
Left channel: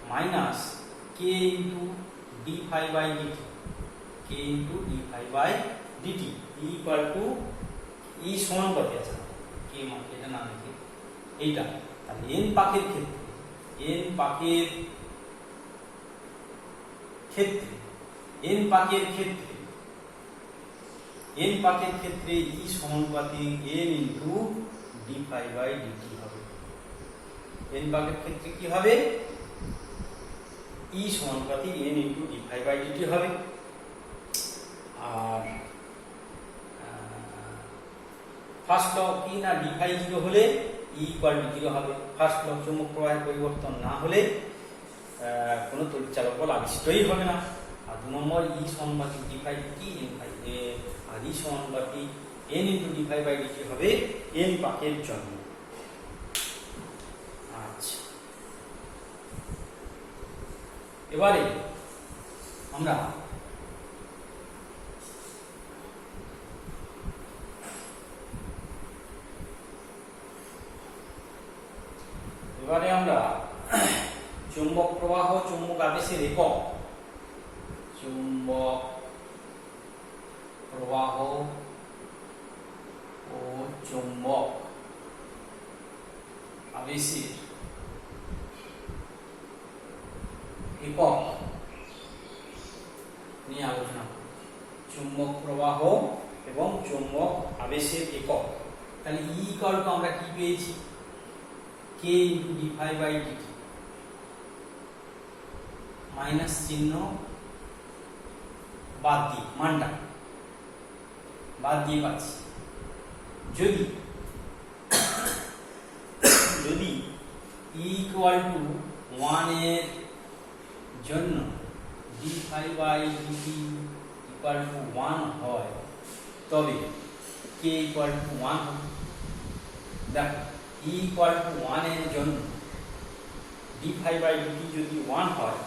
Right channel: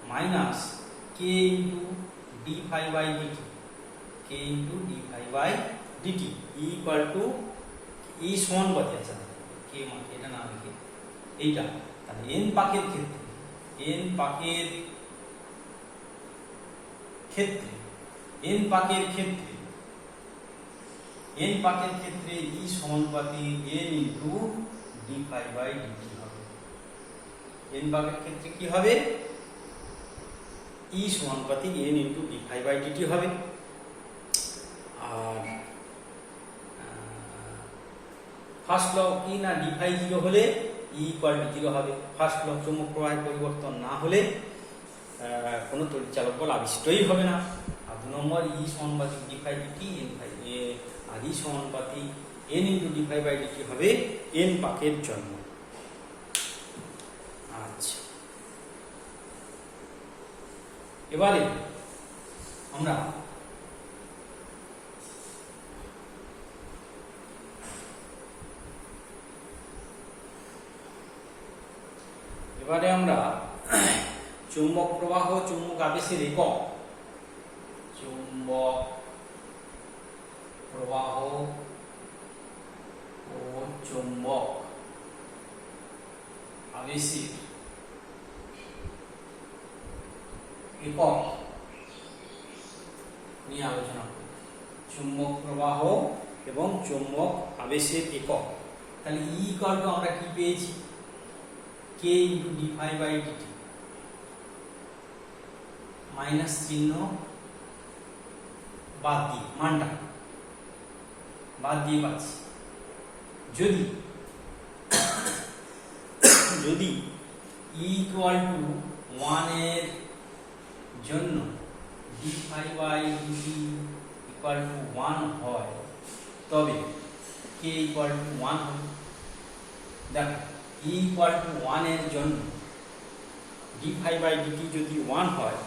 minus k into d phi by dt, k into d phi by dt. E equal to e সমান কত আছে, কে মানে এটা না লিখে এইটা। তাহলে এন পাকের ক্ষেত্রে এন পাকের ক্ষেত্রে ই সমানুপাতি n into d phi by dt হবে। এন পাকের ক্ষেত্রে কি হবে? ই সমানুপাতি n into d phi by dt হবে। আর ফার্স্ট ল কি না, ডি ফাই 0 হলে ই ইকুয়াল টু 0 হবে। ফার্স্ট ল চৌম্বক প্রবাহের পরিবর্তন না হলে কোনো তড়িৎচালক বল আবিষ্টই হবে না। আর 2 নম্বর ই সমানুপাতিক ডি ফাই ডিটি আর ই সমানুপাতিক N into d phi by dt হবে এন পাকের জন্য। আচ্ছা, এবারে আমরা চৌম্বক প্রবাহ, চৌম্বক আবেশের একক, চৌম্বক প্রবাহ ও চৌম্বক আবেশের একক নিয়ে আলোচনা করব। চৌম্বক প্রবাহ এবং চৌম্বক আবেশের একক। তাহলে ই ইকুয়াল টু আমরা কি পেয়েছি? K into d phi by dt, minus চিহ্ন বাদ দিয়ে, মানটা বাদ দিয়ে পাচ্ছি। যদি ই ইকুয়াল টু 1 এর জন্য d phi by dt equal to 1 হয়, তবে কে ইকুয়াল টু 1 হবে। দেখো, ই ইকুয়াল টু 1 এর জন্য ডি ফাই বাই ডিটি যদি 1 হয়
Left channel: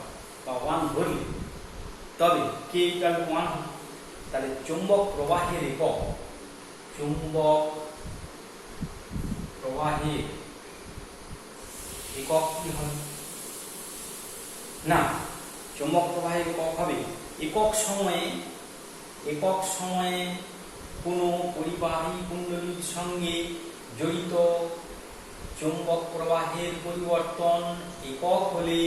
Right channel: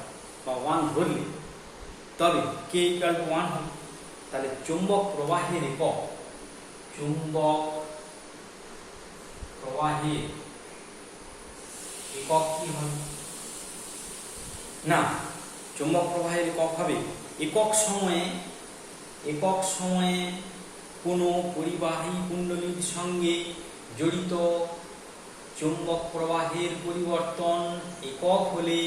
বা 1 ধরলে, তবে কে ইকুয়াল টু 1 হবে। তাহলে চৌম্বক প্রবাহের একক, চৌম্বক প্রবাহের একক কি হবে? না, চৌম্বক প্রবাহের একক হবে একক সময়ে কোনো পরিবাহী কুণ্ডলীর সঙ্গে জড়িত চৌম্বক প্রবাহের পরিবর্তন একক হলে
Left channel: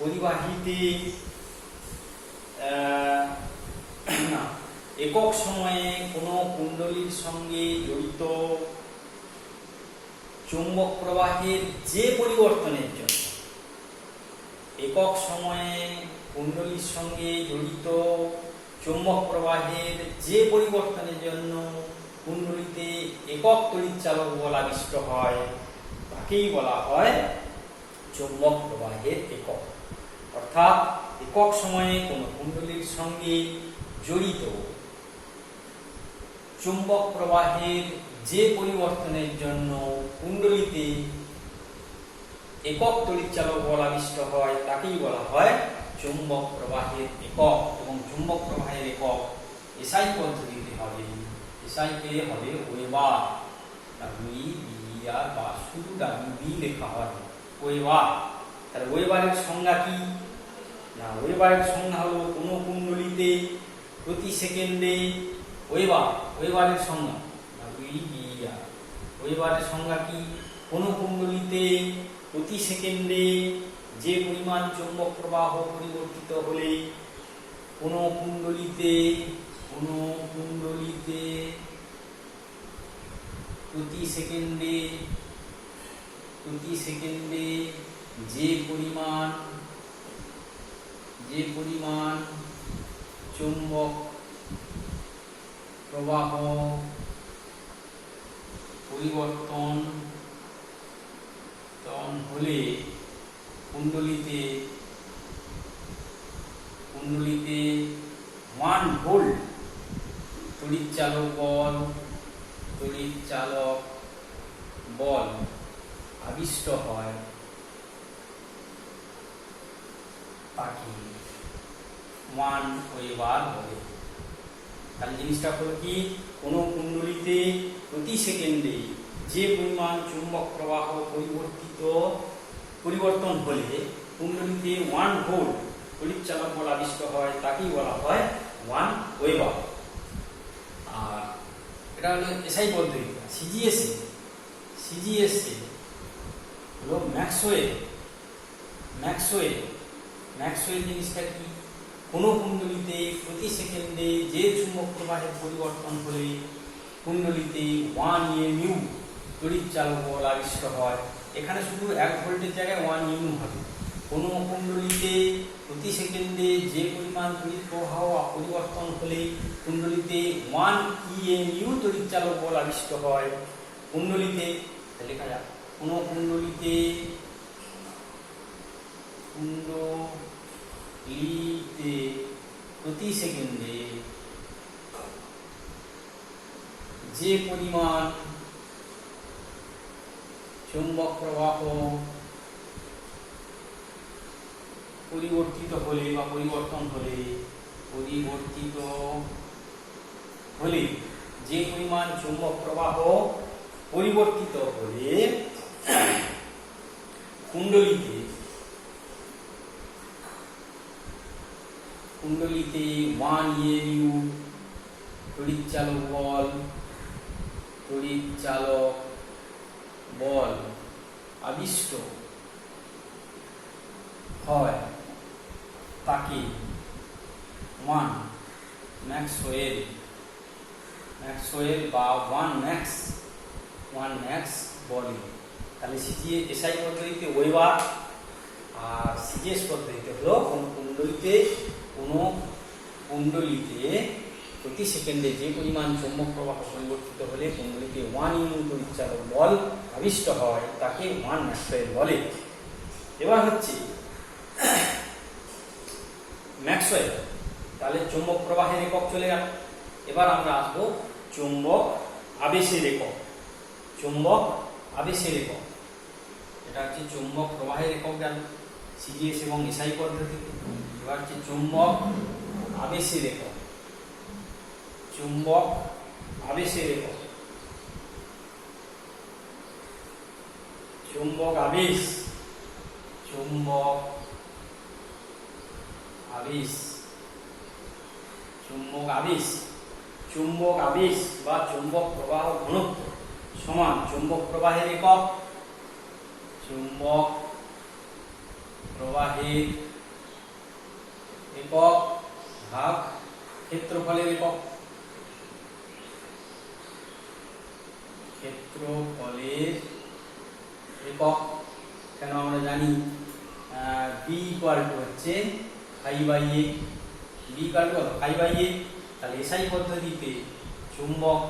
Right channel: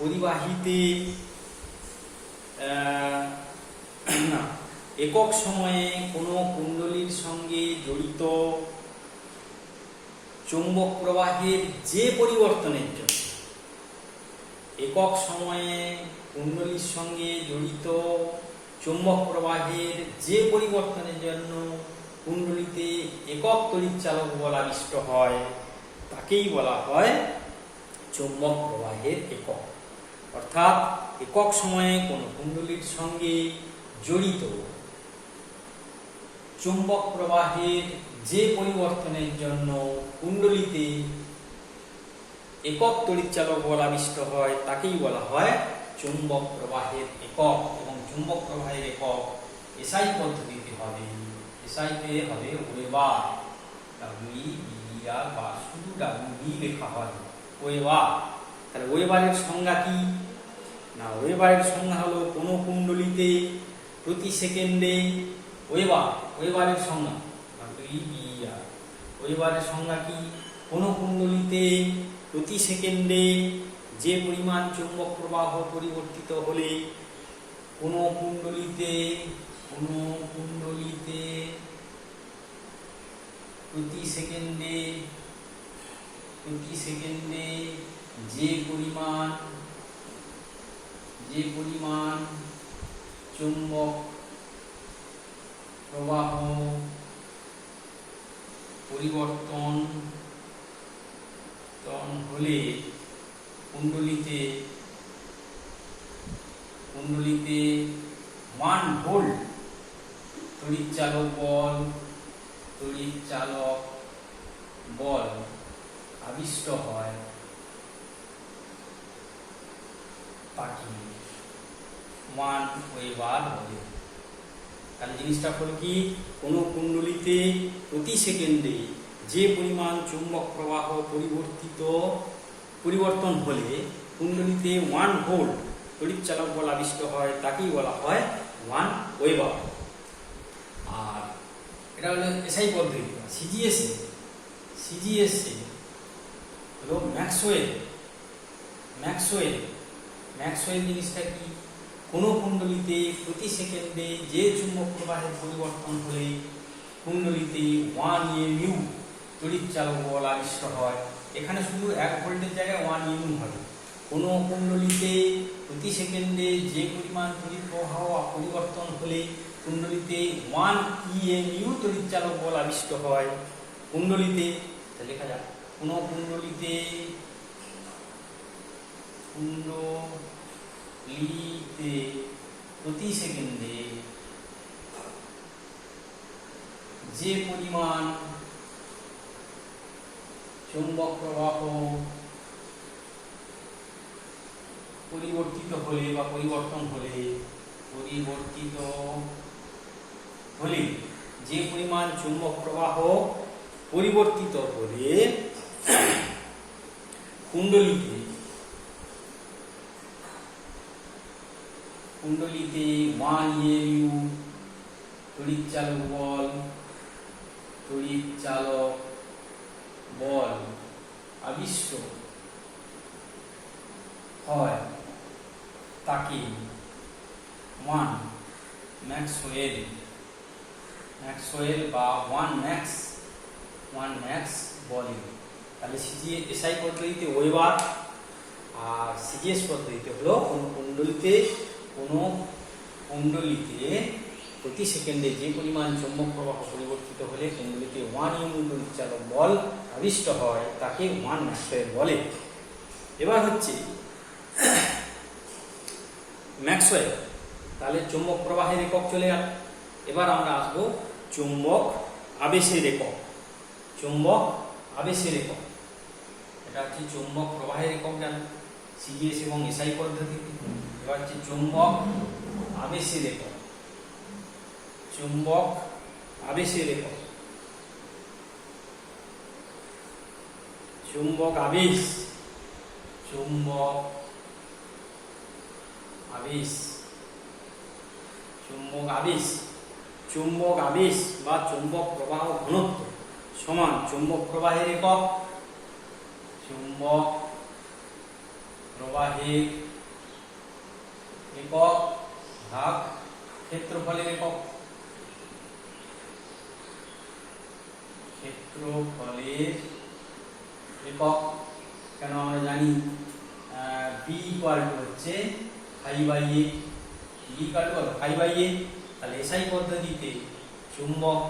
পরিবাহীতে একক সময়ে কোনো কুণ্ডলীর সঙ্গে জড়িত চৌম্বক প্রবাহের যে পরিবর্তনের জন্য, একক সময়ে কুণ্ডলীর সঙ্গে জড়িত চৌম্বক প্রবাহের যে পরিবর্তনের জন্য কুণ্ডলীতে একক তড়িৎচালক বল আবিষ্ট হয়, তাকেই বলা হয় চৌম্বক প্রবাহের একক। অর্থাৎ একক সময়ে কোনো কুণ্ডলীর সঙ্গে জড়িত চৌম্বক প্রবাহের যে পরিবর্তনের জন্য কুণ্ডলীতে একক তড়িৎচালক বল আবিষ্ট হয়, তাকেই বলা হয় চৌম্বক প্রবাহের একক। এবং চৌম্বক প্রবাহের একক এসআই পদ্ধতিতে হবে, এসআইতে হবে ওয়েবার, WEBER বা শুধু WB লেখা হয় ওয়েবার। তাহলে ওয়েবারের সংজ্ঞা কি না, ওয়েবারের সংজ্ঞা হলো কোন কুণ্ডলীতে প্রতি সেকেন্ডে ওয়েবারের সংজ্ঞা WEBER। ওয়েবারের সংজ্ঞা কি? কোন কুণ্ডলীতে প্রতি সেকেন্ডে যে পরিমাণ চৌম্বক প্রবাহ পরিবর্তিত হলে কোন কুণ্ডলীতে প্রতি সেকেন্ডে যে পরিমাণ চৌম্বক প্রবাহ পরিবর্তন হলে কুণ্ডলীতে 1 ভোল্ট তড়িৎচালক বল আবিষ্ট হয়, তাকে 1 ওয়েবার বলে। তাহলে জিনিসটা হলো কি, কোন কুণ্ডলীতে প্রতি সেকেন্ডে যে পরিমাণ চৌম্বক প্রবাহ পরিবর্তন হলে কুণ্ডলীতে 1 ভোল্ট তড়িৎচালক বল আবিষ্ট হয়, তাকেই বলা হয় 1 ওয়েবার। আর এটা হলো এসআই পদ্ধতি। সিজিএসএ হলো ম্যাক্সওয়েল জিনিসটা কি? কোনো কুণ্ডলিতে প্রতি সেকেন্ডে যে চুম্বক প্রবাহের পরিবর্তন হলে কুণ্ডলিতে 1 EMU তড়িৎ চালক বল আবিষ্ট হয়। এখানে শুধু 1 ভোল্টের জায়গায় 1 EMU হবে। কোনো কুণ্ডলিতে প্রতি সেকেন্ডে যে পরিমাণ তড়িৎ প্রবাহ পরিবর্তন হলে কুণ্ডলিতে 1 EMU তড়িৎ চালক বল আবিষ্ট হয়। কুণ্ডলিতে লেখা যাক, কোনো কুণ্ডলিতে প্রতি সেকেন্ডে যে পরিমাণ চৌম্বক প্রবাহ পরিবর্তিত হলে বা পরিবর্তন হলে যে পরিমাণ চৌম্বক প্রবাহ পরিবর্তিত হলে কুণ্ডলিতে 1 EMU তড়িৎ চালক বল আবিষ্ট হয় তাকে 1 ম্যাক্সওয়েল বা 1 ম্যাক্স বলে। তাহলে এসআই পদ্ধতিতে ওয়েবার আর সিজিএস পদ্ধতিতে হলো কোনো কুণ্ডলিতে প্রতি সেকেন্ডে যে পরিমাণ চৌম্বক প্রবাহ পরিবর্তিত হলে কুণ্ডলিতে 1 EMU তড়িৎ চালক বল আবিষ্ট হয় তাকে 1 ম্যাক্সওয়েল বলে। এবার হচ্ছে ম্যাক্সওয়েল। তাহলে চৌম্বক প্রবাহের একক চলে গেল। এবার আমরা আসবো চৌম্বক আবেশের একক। এটা হচ্ছে চৌম্বক প্রবাহের একক জানি সিজিএস এবং এসআই পদ্ধতিতে। এবার হচ্ছে চৌম্বক আবেশের একক। চৌম্বক আবেশ বা চৌম্বক প্রবাহ ঘনত্ব সমান চৌম্বক প্রবাহের একক ভাগ ক্ষেত্রফলের একক। কেন আমরা জানি B হচ্ছে pi/a। তাহলে এসআই পদ্ধতিতে চুম্বক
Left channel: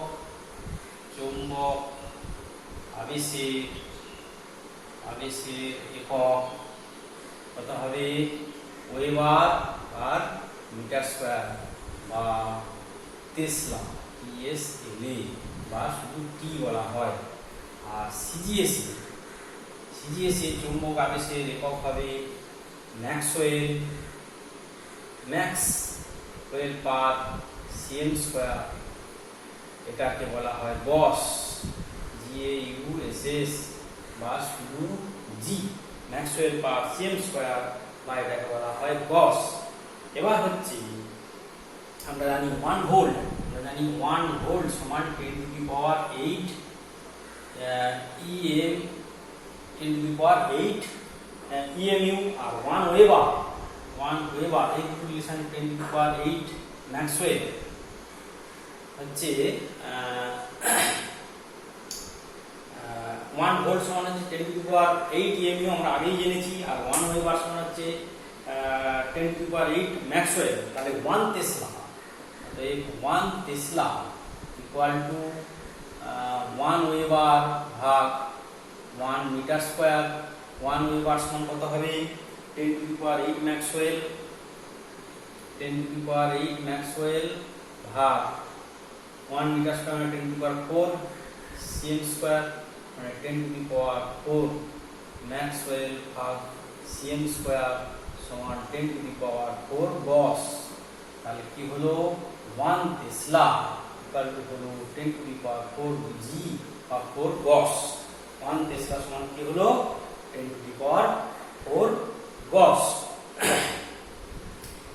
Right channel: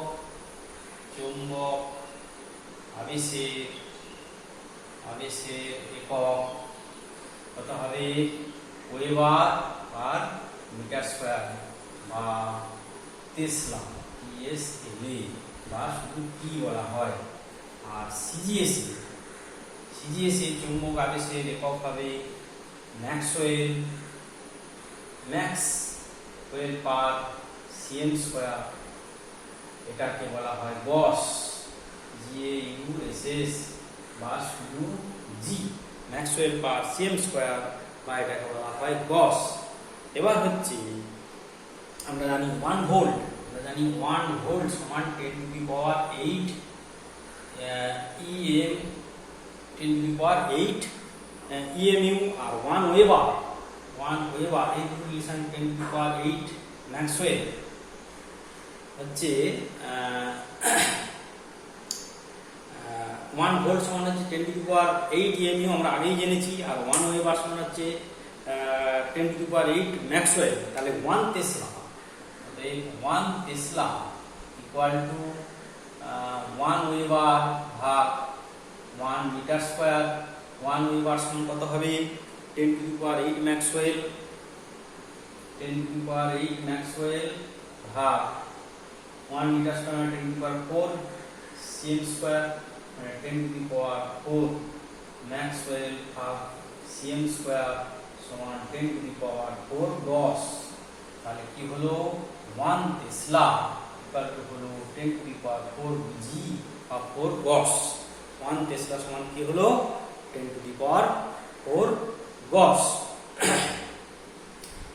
আবেশের একক কত হবে? ওয়েবার পার মিটার স্কয়ার বা টেসলা, TSLA বা শুধু টি বলা হয়। আর সিজিএস চুম্বক আবেশের একক হবে ম্যাক্সওয়েল পার সিএম স্কয়ার। এটাকে বলা হয় গস, GAUSS বা শুধু জি, ম্যাক্সওয়েল পার সিএম স্কয়ার বা এটাকে বলা হয় গস। এবার হচ্ছে আমরা জানি 1 ভোল্ট সমান 10⁸ EMU আর 1 ওয়েবার এই রিলেশন 10⁸ ম্যাক্সওয়েল হচ্ছে 1 ভোল্ট সমান হচ্ছে 10⁸ EMU আমরা আগেই জেনেছি। আর 1 ওয়েবার সমান হচ্ছে 10⁸ ম্যাক্সওয়েল। তাহলে 1 টেসলা 1 ওয়েবার ভাগ 1 মিটার স্কয়ার। 1 ওয়েবার সমান কত হবে? 10⁸ ম্যাক্সওয়েল। 10⁸ ম্যাক্সওয়েল ভাগ 1 মিটার স্কয়ার 10⁴ সিএম স্কয়ার, মানে 10⁴ ম্যাক্সওয়েল ভাগ সিএম স্কয়ার সমান 10⁴ গস। তাহলে কি হলো? 1 টেসলা হলো 10⁴ জি বা 4 গস। 1 টেসলা সমান কি হলো? 10⁴ গস।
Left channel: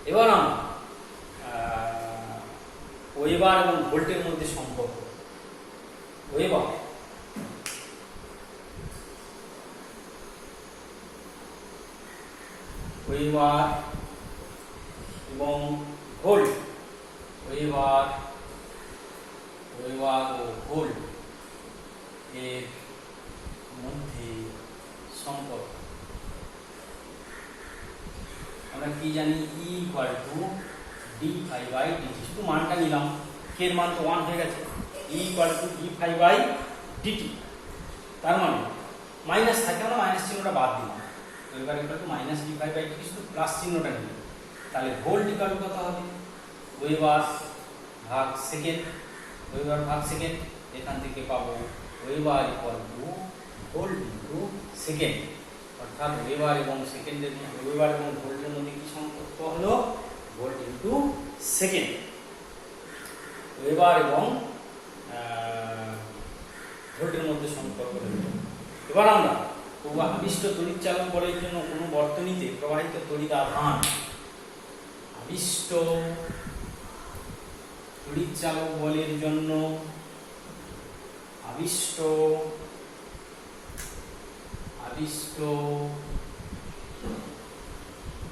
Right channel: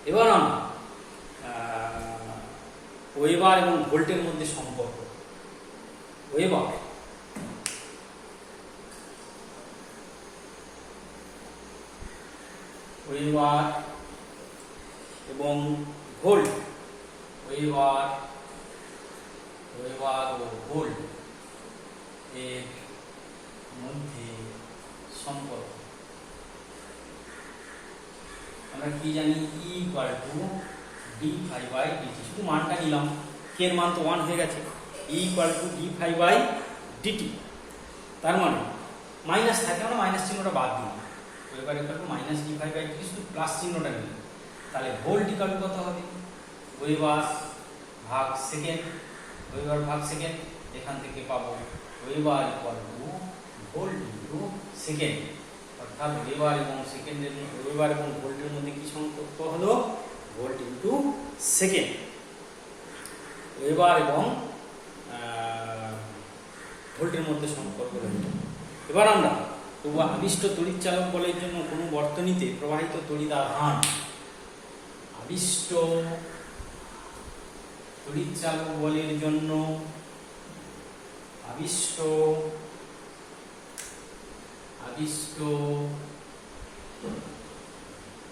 এবার আমরা ওয়েবার এবং ভোল্টের মধ্যে সম্পর্ক। ওয়েবার এবং ভোল্ট, ওয়েবার ও ভোল্ট এর মধ্যে সম্পর্ক আমরা কি জানি, E equal to d phi by dt. শুধু মানটা নিলাম, কে এর মান তো 1 হয়ে গেছে, E equal to d phi by dt. তার মানে মাইনাস থাকে, আমরা মাইনাস চিহ্নটা বাদ দিলাম, weber equal to minus d phi by dt, শুধু প্লাস চিহ্নটা নিলাম। তাহলে ভোল্ট ইকুয়াল টু কত হবে, ওয়েবার ভাগ সেকেন্ড, ওয়েবার ভাগ সেকেন্ড, এখান থেকে পাবো weber equal two volt into second. অর্থাৎ ওয়েবার এবং সেকেন্ডের মধ্যে, ওয়েবার এবং ভোল্টের মধ্যে কি সম্পর্ক হলো, ভোল্ট ইন্টু সেকেন্ড। ওয়েবার এবং ভোল্টের মধ্যে সম্পর্ক হলো। এবার আমরা আবিষ্ট তড়িৎচালক বলের জন্য কোনো বর্তনীতে প্রবাহিত তড়িৎ আধান, আবিষ্ট তড়িৎচালক বলের জন্য আবিষ্ট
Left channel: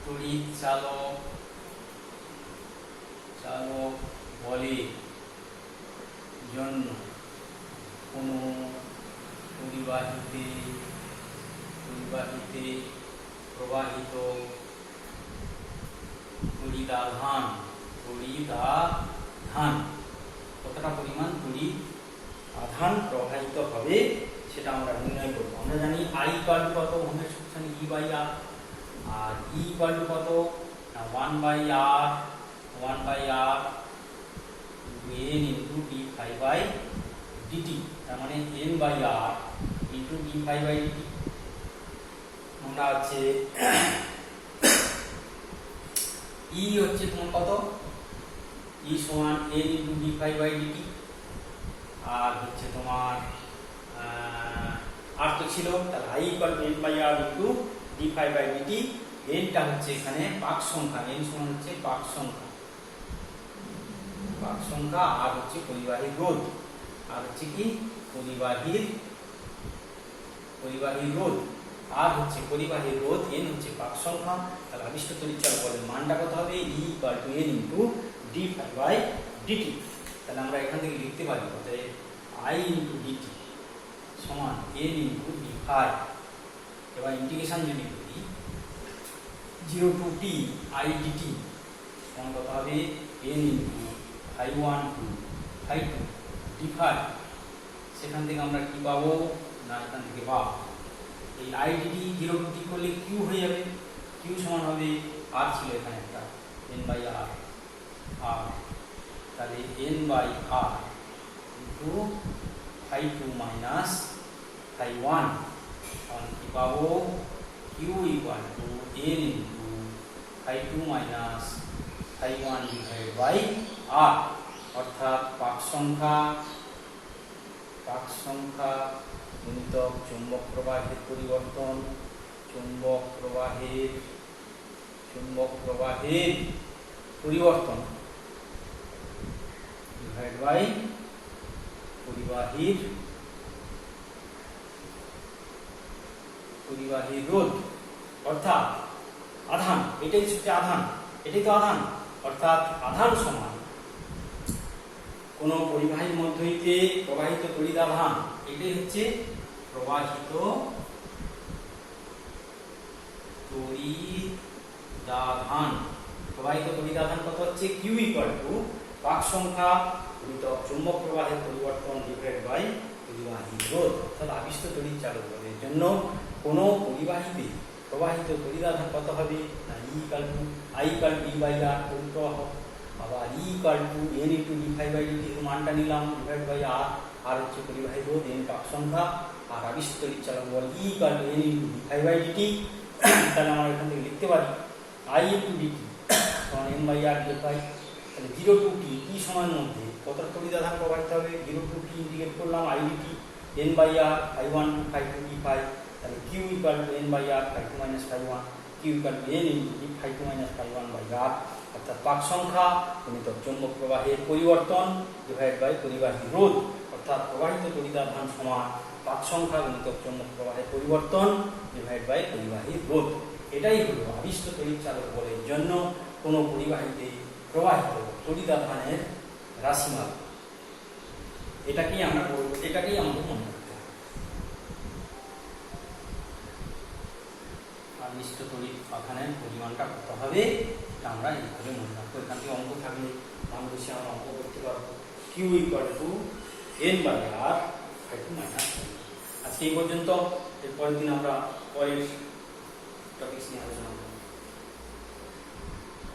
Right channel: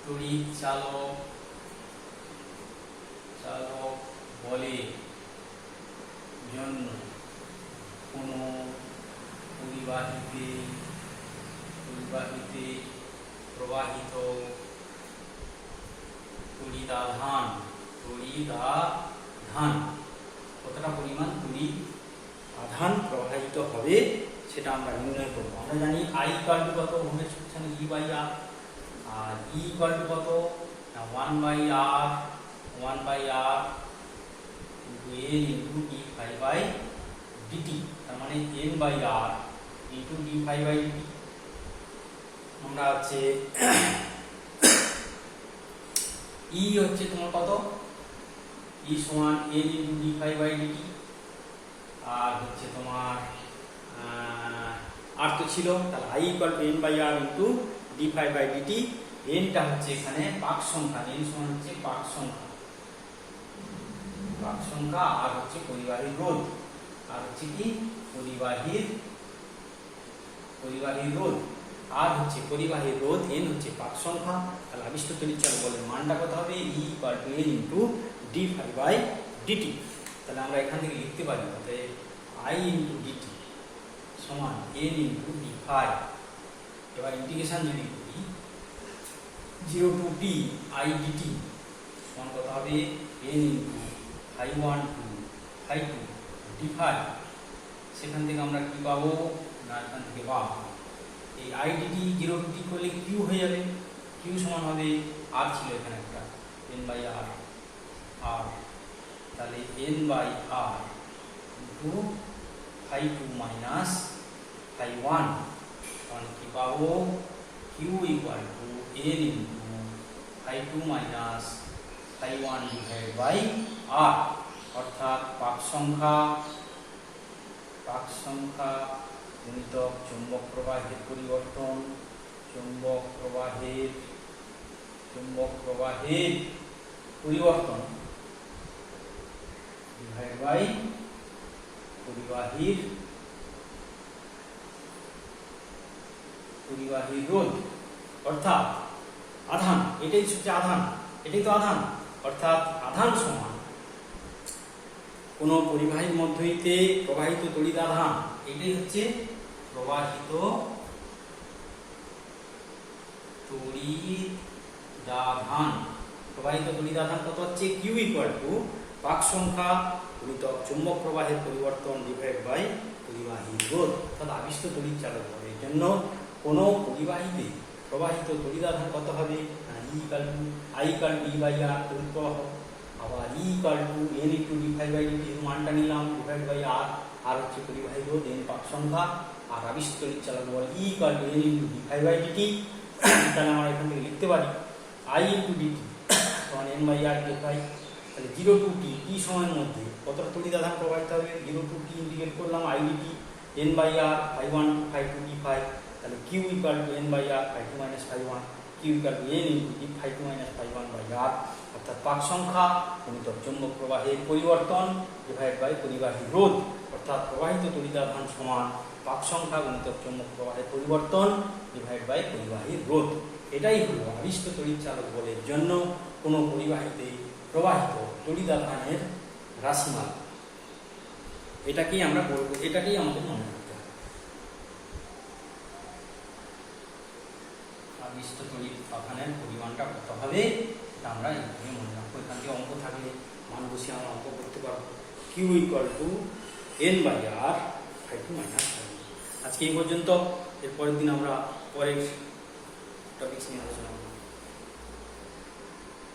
তড়িৎচালক বলের জন্য কোন পরিবাহীতে প্রবাহিত তড়িৎ আধান কতটা পরিমাণ তড়িৎ আধান প্রবাহিত হবে সেটা আমরা নির্ণয় করব। আমরা জানি I ইকুয়াল টু কত, ওহমের সূত্র E বাই R, আর E ইকুয়াল টু কত, 1 by R into N into d phi by dt। তার মানে N by R into d phi by dt। আমরা আছে E হচ্ছে তোমার কত, E সমান N into d phi by dt, আর হচ্ছে তোমার আর তো ছিল, তাহলে I equal to N by R into d phi by dt। N টা হচ্ছে এখানে পাক সংখ্যা, N সমান হচ্ছে পাক সংখ্যা, আর হচ্ছে পরিবাহীর রোধ, আর হচ্ছে কি পরিবাহীর রোধ, আর হচ্ছে পরিবাহীর রোধ, N হচ্ছে পাক সংখ্যা। তাহলে আবিষ্ট তড়িৎচালক বলের মানটা কত হবে, E equal to N into d phi by dt। তাহলে আমরা এখান থেকে লিখতে পারি অতএব I ইনটু dt সমান N ইনটু d ফাই। এবার ইন্টিগ্রেশন যদি করি 0 টু t I dt সমান কত হবে, N into phi 1 to phi 2 d phi. সেখান থেকে আমরা কি পাবো না, এখান থেকে পাবো এই I dt 0 টু t করলে q হয়ে যাবে, q সমান হবে r ছিল এখানে একটা N বাই R, তাহলে N by R into phi 2 minus phi 1, তাহলে কি পাবো q equal to N into phi 2 minus phi 1 divided by R। অর্থাৎ পাক সংখ্যা গুণিতক চুম্বক প্রবাহের পরিবর্তন, চুম্বক প্রবাহের ডিভাইড বাই পরিবাহীর রোধ। অর্থাৎ আধান, এটাই হচ্ছে আধান, এটাই তো আধান, অর্থাৎ আধান সমান কোন পরিবাহীর মধ্য হইতে প্রবাহিত তড়িৎ আধান, এটাই হচ্ছে প্রবাহিত তড়িৎ আধান কত হচ্ছে, Q ইকুয়াল টু পাক সংখ্যা গুণিতক চুম্বক প্রবাহের পরিবর্তন ডিভাইড বাই পরিবাহীর রোধ। অর্থাৎ আবিষ্ট তড়িৎচালক বলের জন্য কোন পরিবাহীতে প্রবাহিত তড়িৎ আধান কত হবে, I equal to d by R তড়িৎ প্রবাহ, আবার E equal to N into d phi by dt মানটা নিলাম ডিভাইড বাই R হচ্ছে পরিবাহীর রোধ, N পাক সংখ্যা, আর আবিষ্ট তড়িৎচালক বল E equal to N into d phi by dt। তাহলে আমরা এখান থেকে লিখতে পারি I ইনটু dt সমান N by R d phi. তাহলে 0 টু t সময়ের মধ্যে কতটা তড়িৎ আধান প্রবাহিত হবে, 0 টু t ইন্টিগ্রেট করলাম I dt N by R phi 1 phi 2 d phi. তাহলে Q equal to N by R phi 2 minus phi 1, Q equal to N into d phi 2 minus phi 1 by R। অর্থাৎ পাক সংখ্যা গুণিতক চৌম্বক প্রবাহের পরিবর্তন ডিভাইড বাই পরিবাহী রোধ। অর্থাৎ প্রবাহিত তড়িৎ আধান সমান পাক সংখ্যা গুণিতক চৌম্বক প্রবাহের পরিবর্তন ডিভাইড বাই পরিবাহী রোধ। এটাই হলো আবিষ্ট তড়িৎচালক বলের জন্য কোন পরিবাহীতে প্রবাহিত তড়িৎ আধানের রাশিমালা। এটাকেই আমরা বলবো, এটাকেই আমাদের মনে রাখতে হবে। আবিষ্ট তড়িৎ আধানের পরিমাণটা কত হবে তা আমরা এইভাবে মনে রাখবো। এখান থেকে অঙ্ক থাকলে মান বসে আমরা অঙ্ক করতে পারবো। Q equal to N by R five minus. আজকে এই পর্যন্ত। এরপরের দিন আমরা পরের টপিকস নিয়ে আলোচনা করব।